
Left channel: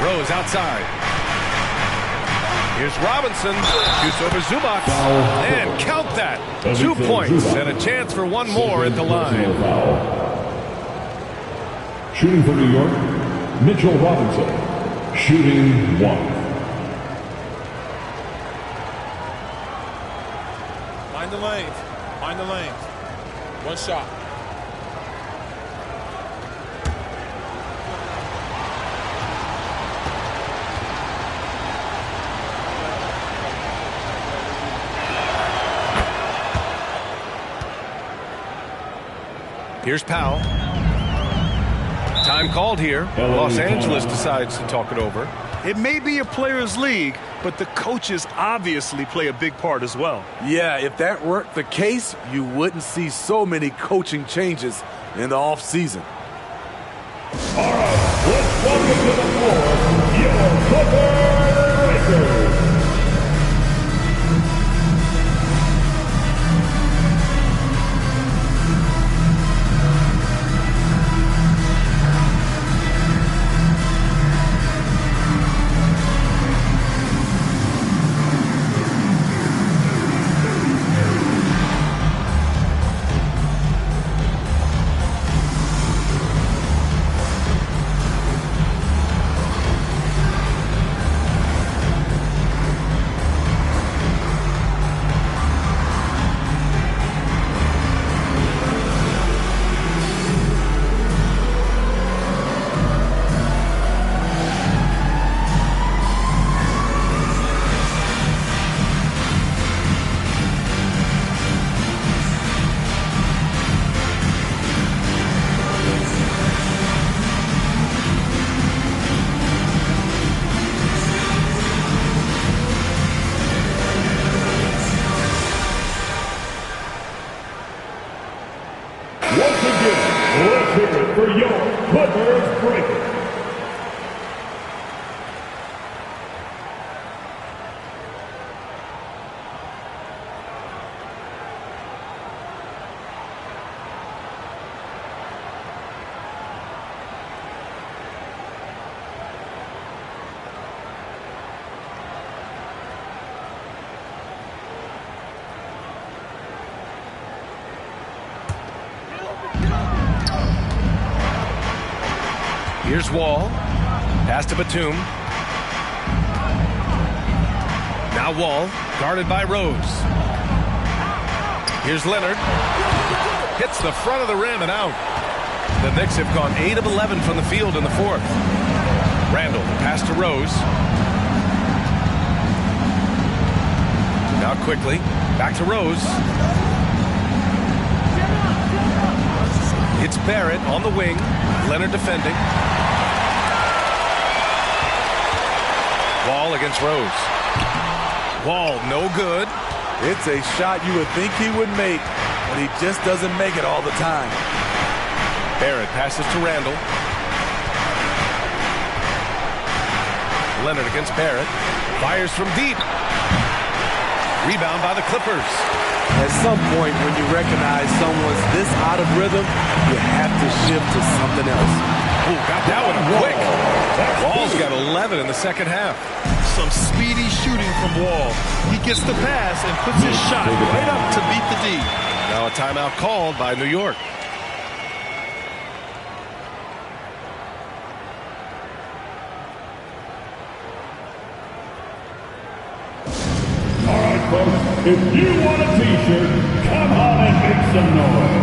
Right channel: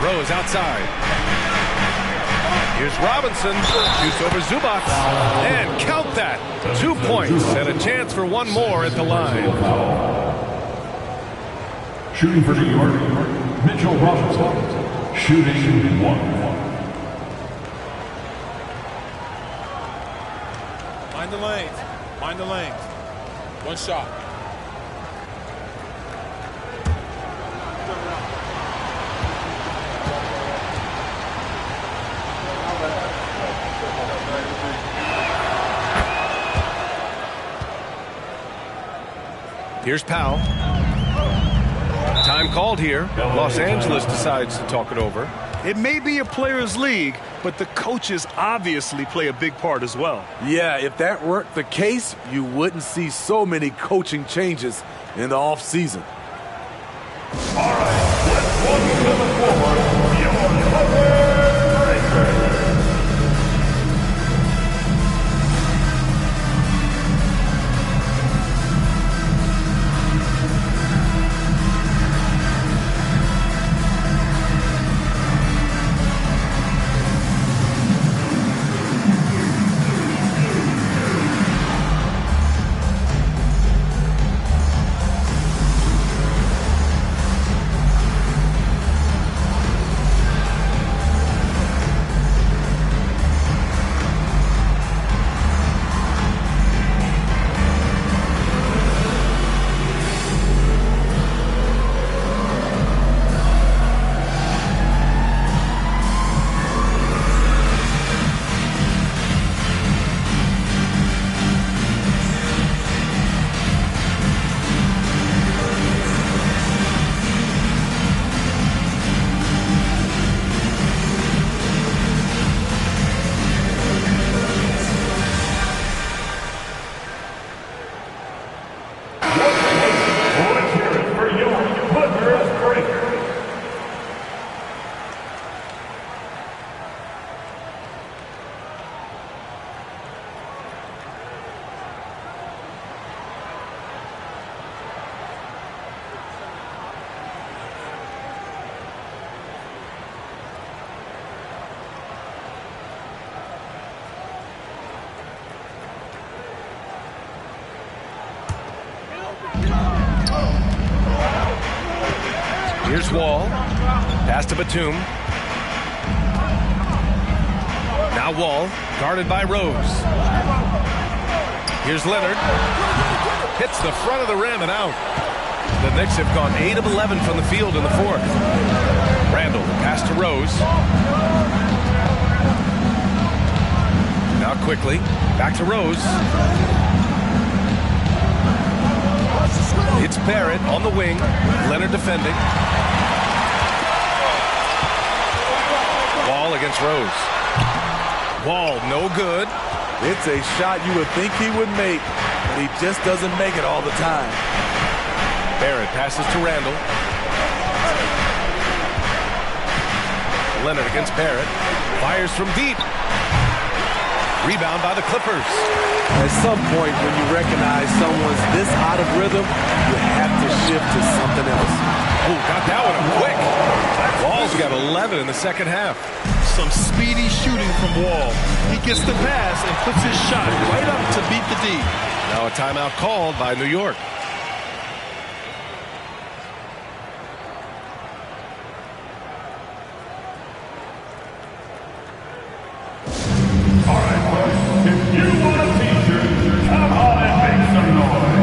Rose outside. Here's Robinson. Shoots over Zubac. And count that. 2 points and a chance for one more at the line. Shooting for New York, Mitchell Robinson. Shooting 1. Mind the lanes. Mind the lanes. One shot. Here's Powell. Time called here. Los Angeles decides to talk it over. It may be a players' league, but the coaches obviously play a big part as well. Yeah, if that weren't the case, you wouldn't see so many coaching changes in the offseason. All right, let's welcome to the floor your Clippers Breakers. Here's Wall. Pass to Batum. Now Wall, guarded by Rose. Here's Leonard. Hits the front of the rim and out. The Knicks have gone 8 of 11 from the field in the fourth. Randall, the pass to Rose. Now quickly, back to Rose. It's Barrett on the wing. Leonard defending. Wall against Rose. Wall, no good. It's a shot you would think he would make, but he just doesn't make it all the time. Barrett passes to Randall. Leonard against Barrett. Fires from deep. Rebound by the Clippers. At some point, when you recognize someone's this out of rhythm, you have to shift to something else. Oh, got that one up quick. Wall's got 11 in the second half. Some speedy shooting from Wall. He gets the pass and puts his shot right up to beat the D. Now a timeout called by New York. All right, folks, if you want a t-shirt, come on and make some noise.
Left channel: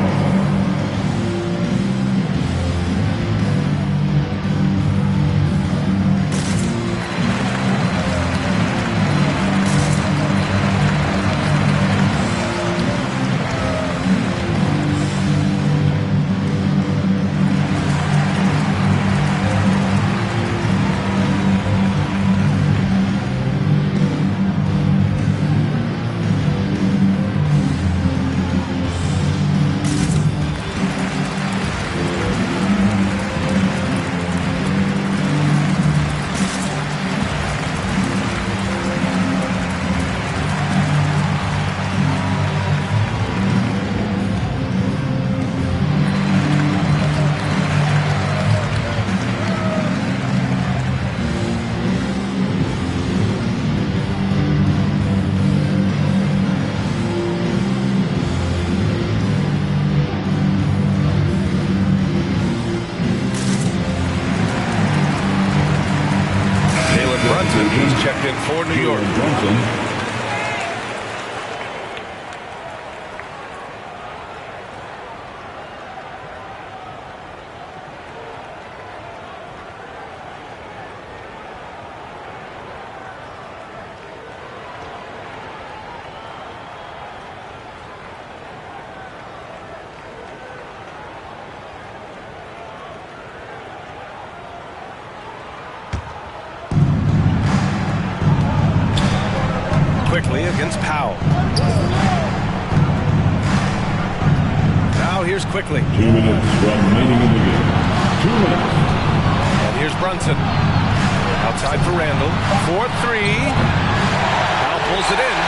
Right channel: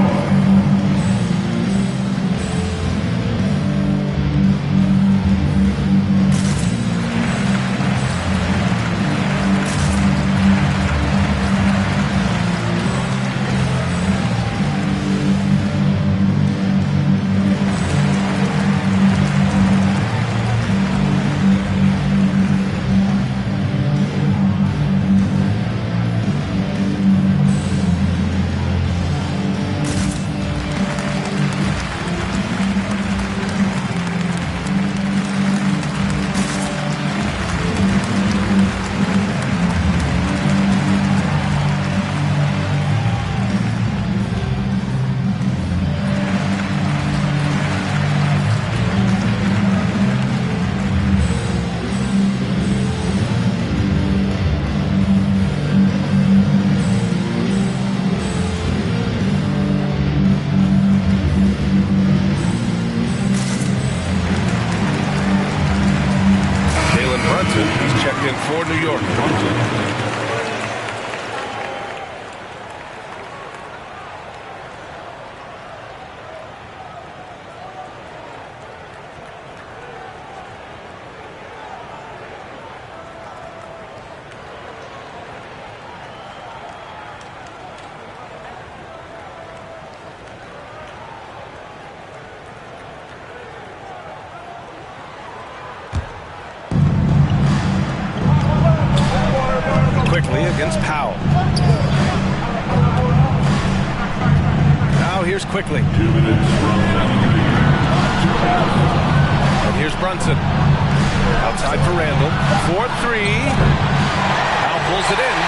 Brunson, who's checked in for New York. Quickly against Powell. Now here's Quickly. 2 minutes remaining in the game. 2 minutes. And here's Brunson. Outside for Randall. 4-3. Powell pulls it in.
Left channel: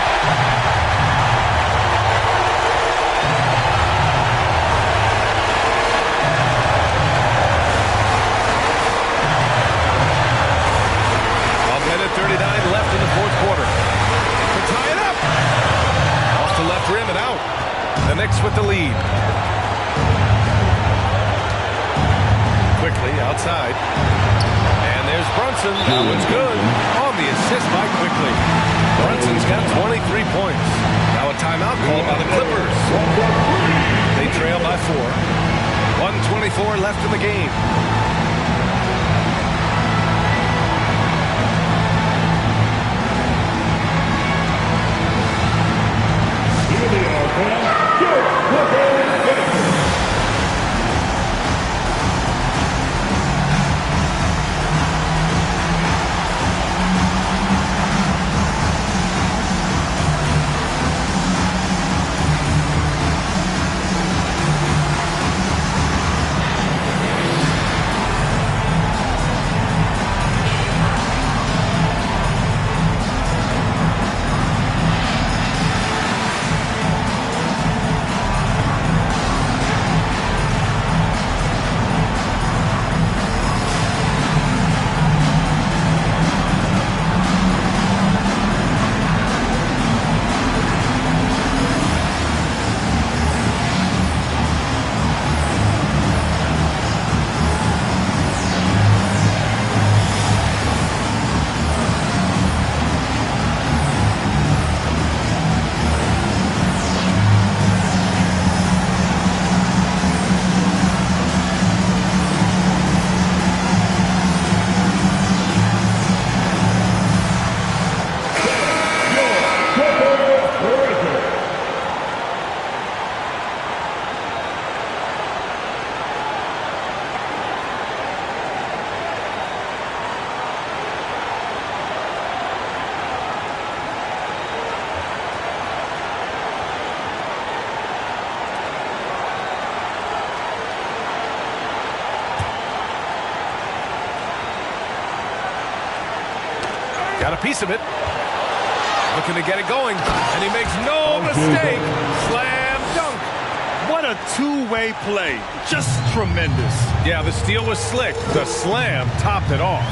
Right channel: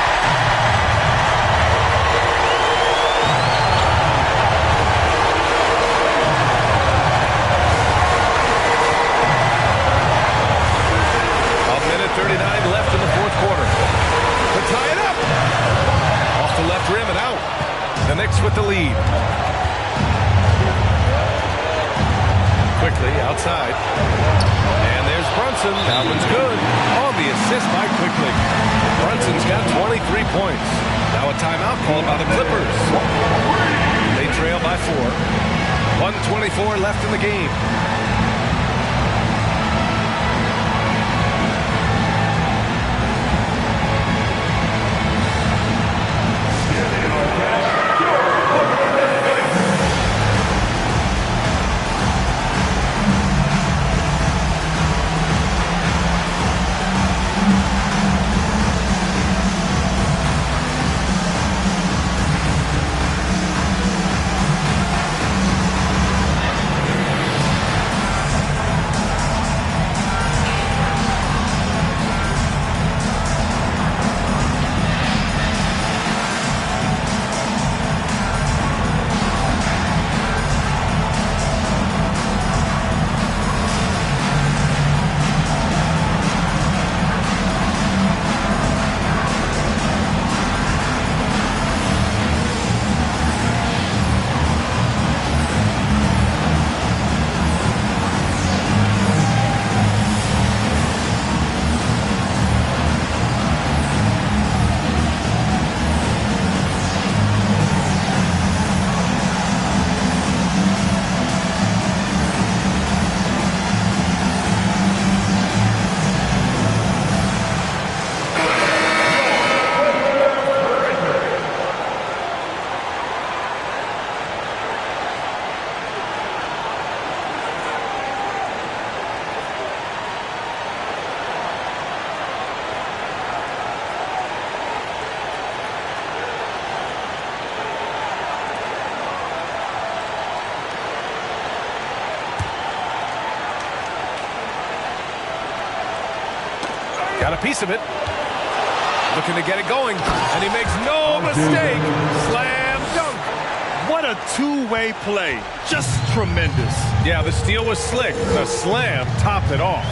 A minute 39 left in the fourth quarter. To tie it up. Off the left rim and out. The Knicks with the lead. Quickly outside. And there's Brunson. That one's good. On the assist by Quickly. Brunson's got 23 points. Now a timeout called by the Clippers. They trail by 4. 1:24 left in the game. Got a piece of it. Looking to get it going. And he makes no mistake. Slam dunk. What a two-way play. Just tremendous. Yeah, the steal was slick. The slam topped it off.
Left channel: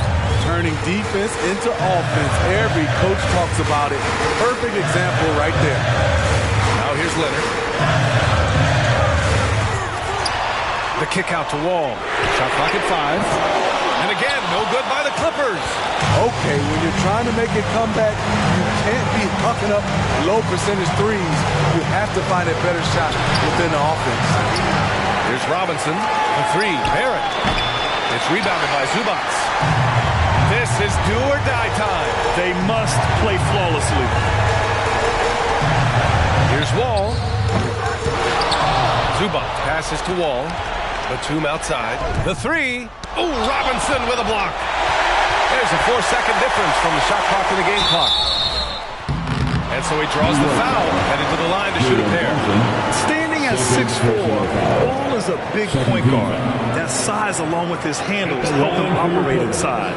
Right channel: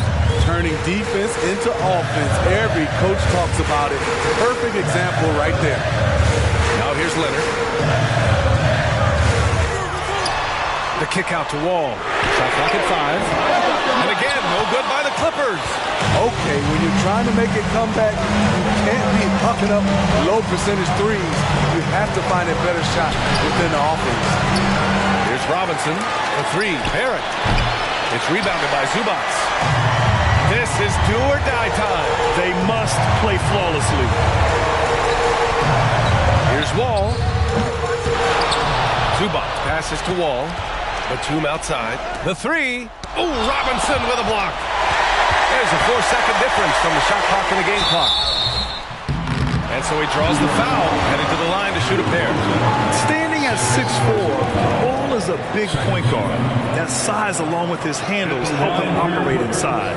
Turning defense into offense. Every coach talks about it. Perfect example right there. Now here's Leonard. The kick out to Wall. Shot clock at 5. And again, no good by the Clippers. Okay, when you're trying to make it come back, you can't be hucking up low percentage threes. You have to find a better shot within the offense. Here's Robinson. The 3. Barrett. It's rebounded by Zubats. This is do or die time. They must play flawlessly. Here's Wall. Zubats passes to Wall. Batum outside. The 3. Oh, Robinson with a block. There's a 4-second difference from the shot clock and the game clock. And so he draws the foul, heading to the line to shoot a pair. Standing at 6'4", Wall is a big point guard. That size along with his handles help him operate inside.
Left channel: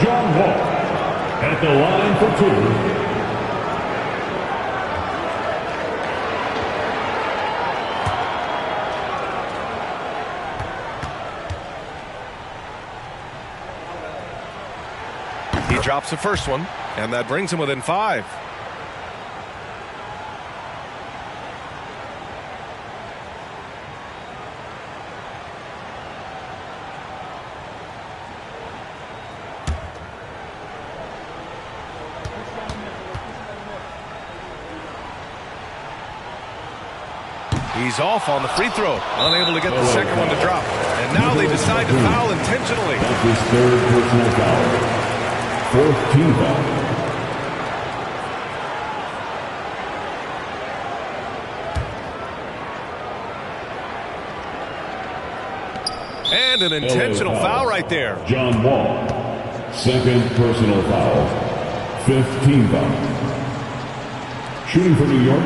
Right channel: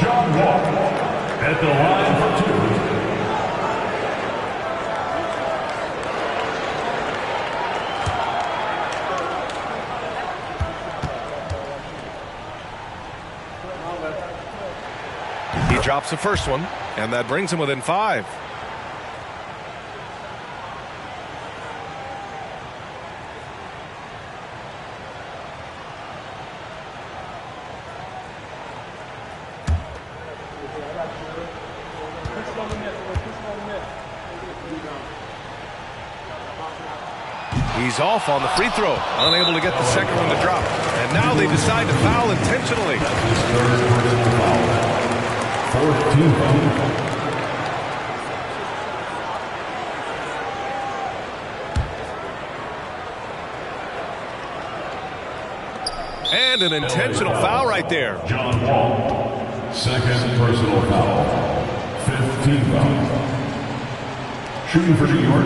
John Wall at the line for 2. He drops the first one, and that brings him within 5. He's off on the free throw, unable to get the second one to drop. And now they decide to foul intentionally. That's his 3rd personal foul. 4th team foul. And an intentional foul right there. John Wall, 2nd personal foul. 5th team foul. Shooting for New York,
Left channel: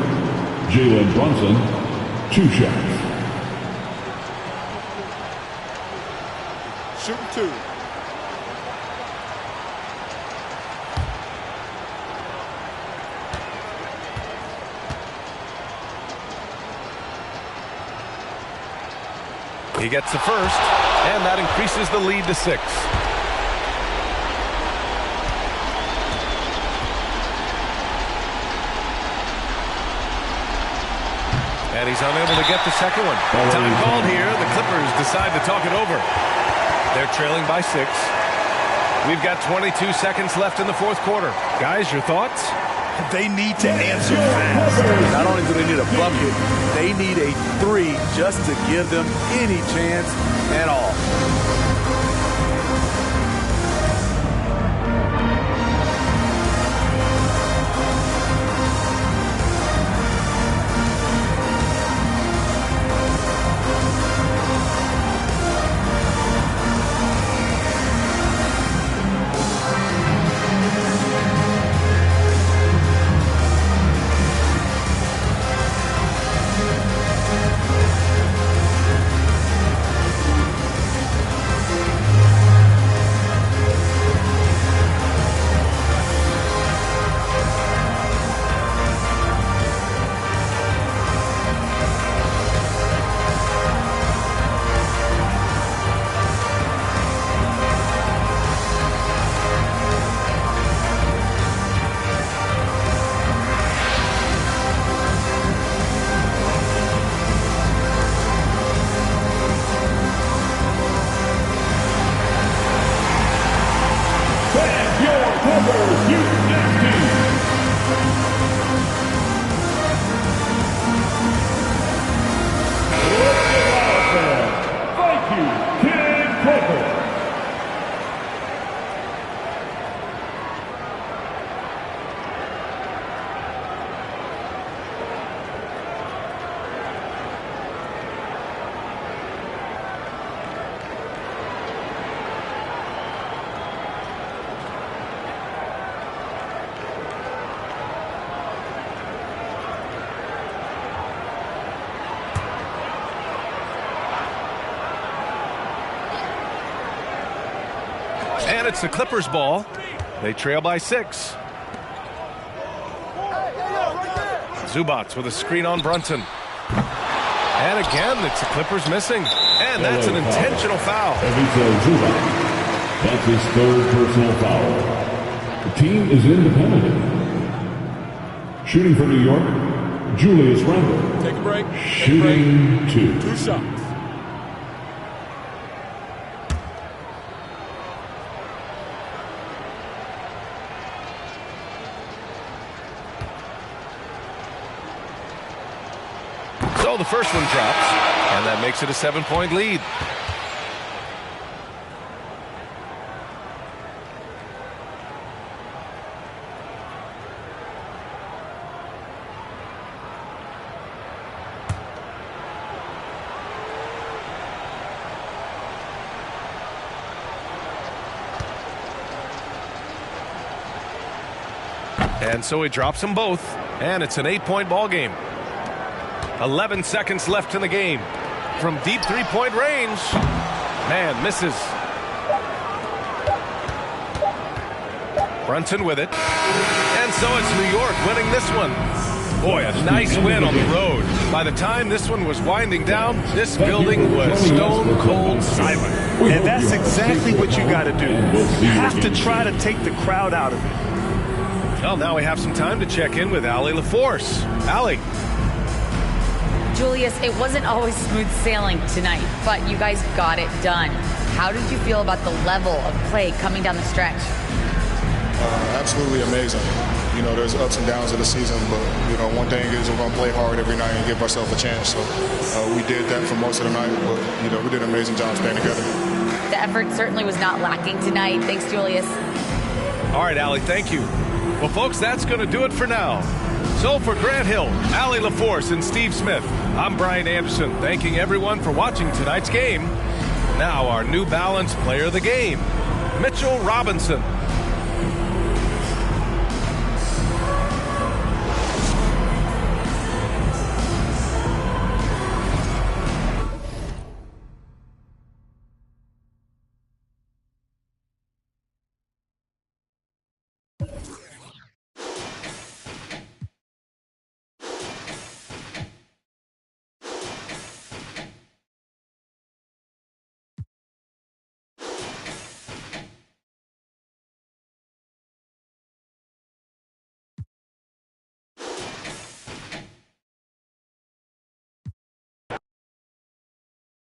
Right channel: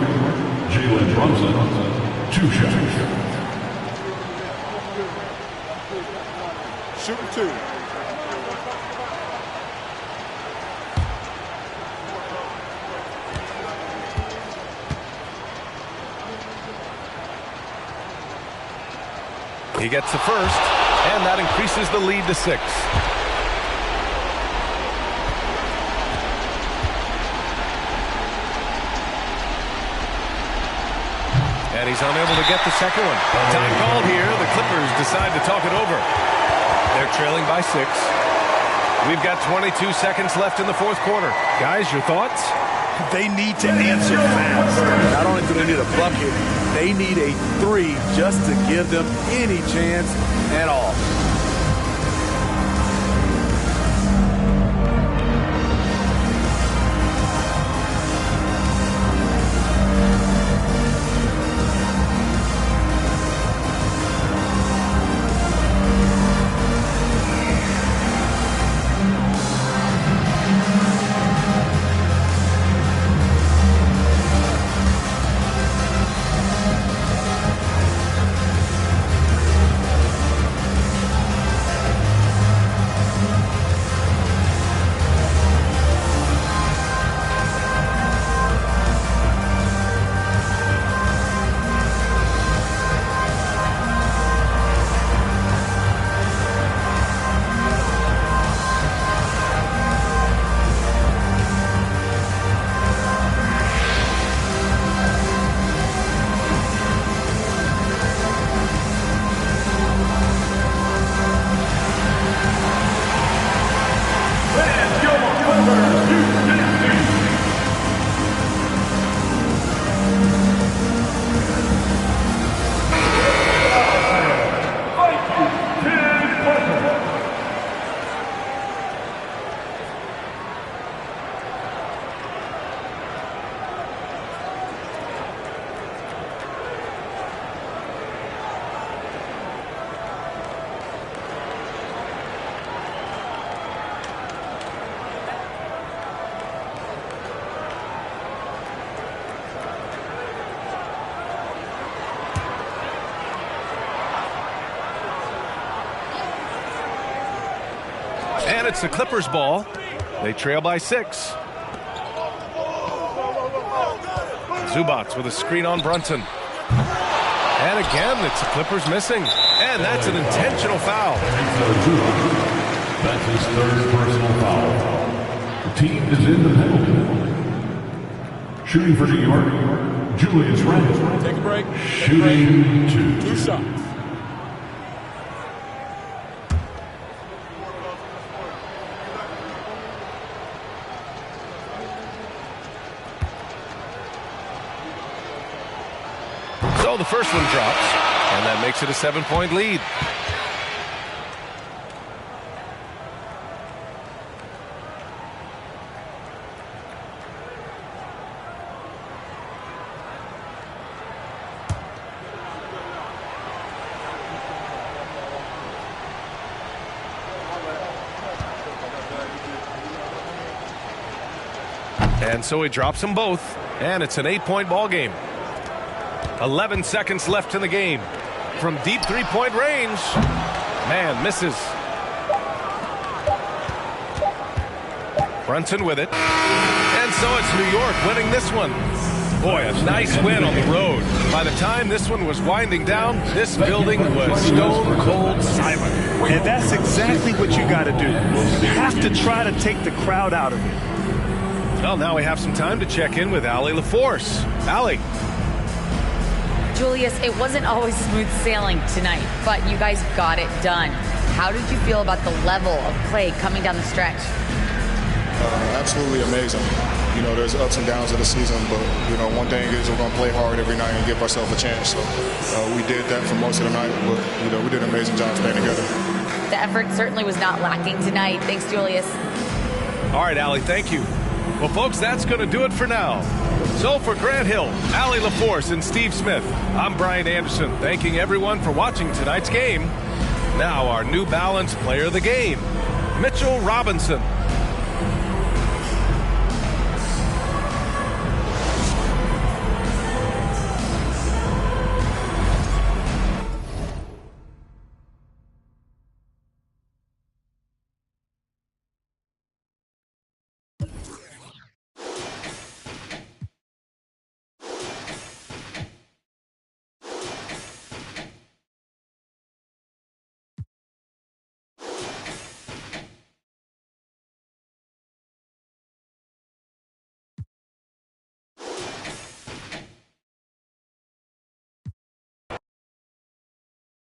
Jalen Brunson, 2 shots. Shooting 2. He gets the first, and that increases the lead to 6. And he's unable to get the second one. Time called here. The Clippers decide to talk it over. They're trailing by 6. We've got 22 seconds left in the 4th quarter. Guys, your thoughts? They need to answer fast. Not only do they need a bucket, they need a 3 just to give them any chance at all. And it's the Clippers' ball. They trail by 6. Zubats with a screen on Brunson. And again, it's the Clippers missing. And that's an intentional foul. That's his 3rd personal foul. The team is in the penalty. Shooting for New York, Julius Randle. Take a break. Shooting 2. 2 shots. So the first one drops, and that makes it a 7-point lead. And so he drops them both, and it's an 8-point ball game. 11 seconds left in the game. From deep 3-point range. Man, misses. Brunson with it. And so it's New York winning this one. Boy, a nice win on the road. By the time this one was winding down, this building was stone cold silent. And that's exactly what you got to do. You have to try to take the crowd out of it. Well, now we have some time to check in with Allie LaForce. Allie. Julius, it wasn't always smooth sailing tonight, but you guys got it done. How did you feel about the level of play coming down the stretch? Absolutely amazing. You know, there's ups and downs of the season, but, you know, one thing is we're going to play hard every night and give ourselves a chance. So we did that for most of the night, but, you know, we did an amazing job staying together. The effort certainly was not lacking tonight. Thanks, Julius. All right, Allie, thank you. Well, folks, that's going to do it for now. So for Grant Hill, Allie LaForce, and Steve Smith, I'm Brian Anderson, thanking everyone for watching tonight's game. Now our New Balance player of the game, Mitchell Robinson.